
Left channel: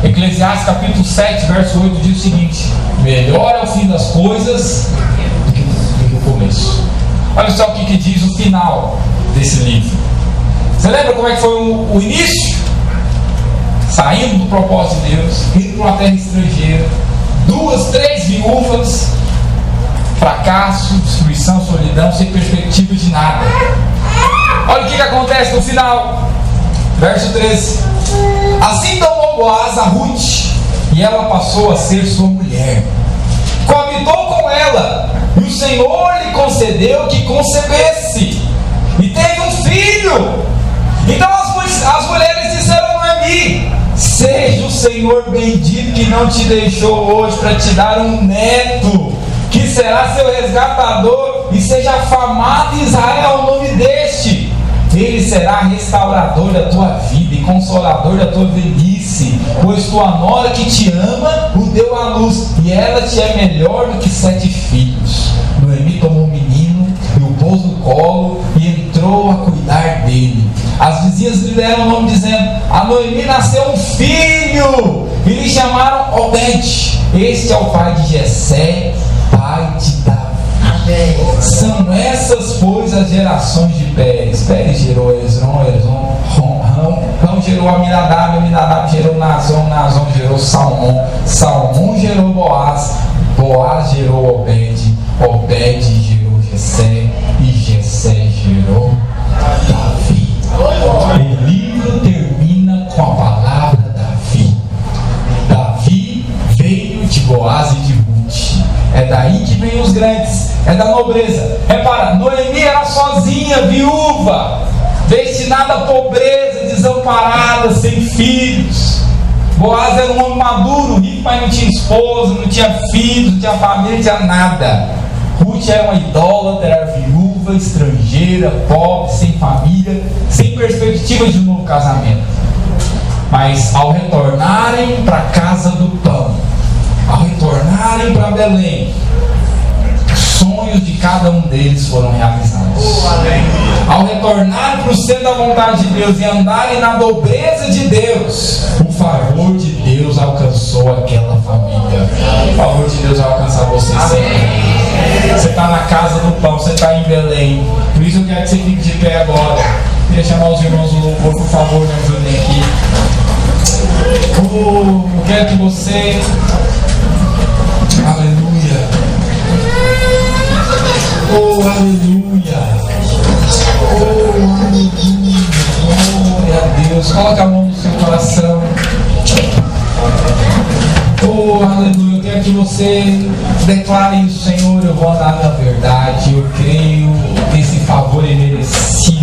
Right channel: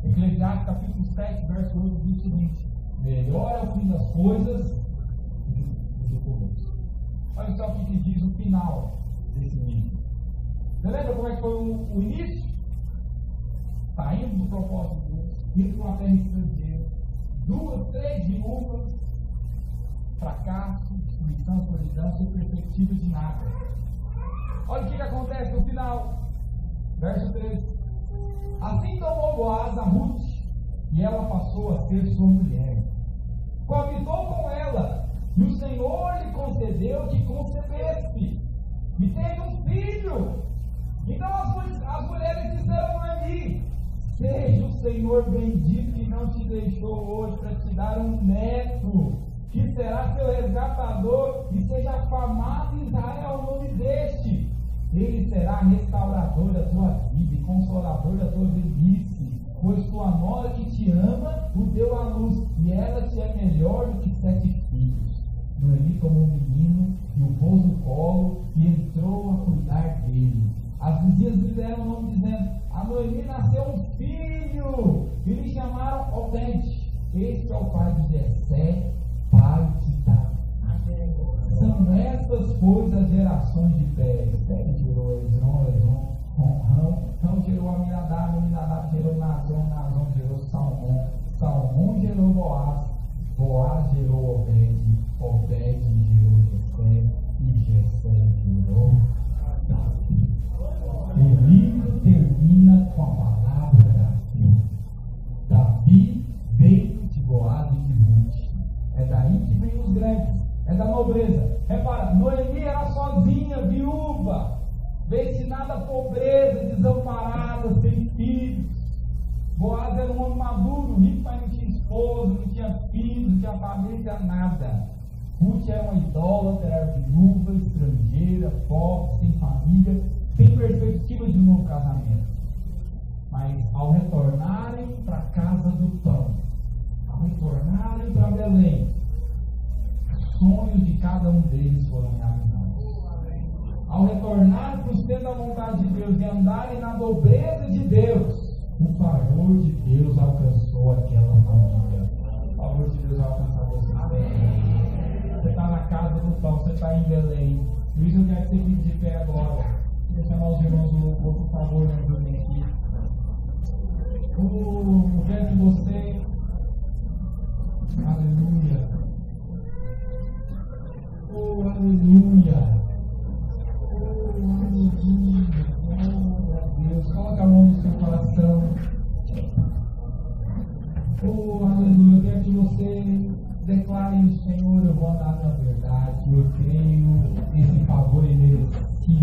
Eclesiastes capítulo 7, verso 8 diz o seguinte: melhor é o fim das coisas do que o começo. Olha só o que diz o final desse livro. Você lembra como é que foi o início? Saindo do propósito de Deus, indo para uma terra estrangeira, 2, 3 viúvas, fracasso, destruição, solidão, sem perspectiva de nada. Olha o que acontece no final, verso 13: assim tomou Boaz a Ruth, e ela passou a ser sua mulher, coabitou com ela, e o Senhor lhe concedeu que concebesse, e teve um filho. Então as mulheres disseram a Noemi: seja o Senhor bendito que não te deixou hoje para te dar um neto, que será seu resgatador, e seja afamado em Israel o nome deste. Ele será restaurador da tua vida e consolador da tua velhice, pois tua nora que te ama o deu à luz, e ela te é melhor do que 7 filhos. Noemi tomou um menino e o pôs no colo e entrou a cuidar dele. As vizinhas lhe deram o nome, dizendo: a Noemi nasceu um filho, e lhe chamaram Obed. Este é o pai de Jessé, pai de Davi. São essas, pois, as gerações de Pérez. Pérez gerou Hezron, Ram gerou Aminadab, Aminadab gerou Nazon, Nazon gerou Salmão, Salmão gerou Boaz, Boaz gerou Obed, Obed gerou Jessé, e Jessé gerou Davi. O livro termina com a palavra Davi. Davi veio de Boaz e de Ruth. É daí que vem os grandes, é da nobreza. Repara, Noemi era sozinha, viúva, destinada à pobreza, desamparada, sem filhos. Boaz era um homem maduro, rico, mas não tinha esposa, não tinha filhos, não tinha família, não tinha nada. Ruth era uma idólatra, era viúva, estrangeira, pobre, sem família, sem perspectiva de um novo casamento. Mas ao retornarem para a casa do pão, ao retornarem para Belém, os sonhos de cada um deles foram realizados. Ao retornarem para o centro da vontade de Deus e andarem na nobreza de Deus, o favor de Deus alcançou aquela família. O favor de Deus vai alcançar você sempre. Você está na casa do pão, você está em Belém. Por isso eu quero que você fique de pé agora. Queria chamar os irmãos do louvor, por favor, me ajudem aqui. Eu quero que você... Aleluia. Oh, aleluia. Oh, aleluia. Glória a Deus. Coloca a mão no seu coração. Oh, aleluia. Eu quero que você declare isso: Senhor, eu vou andar na verdade. Eu creio que esse favor é merecido.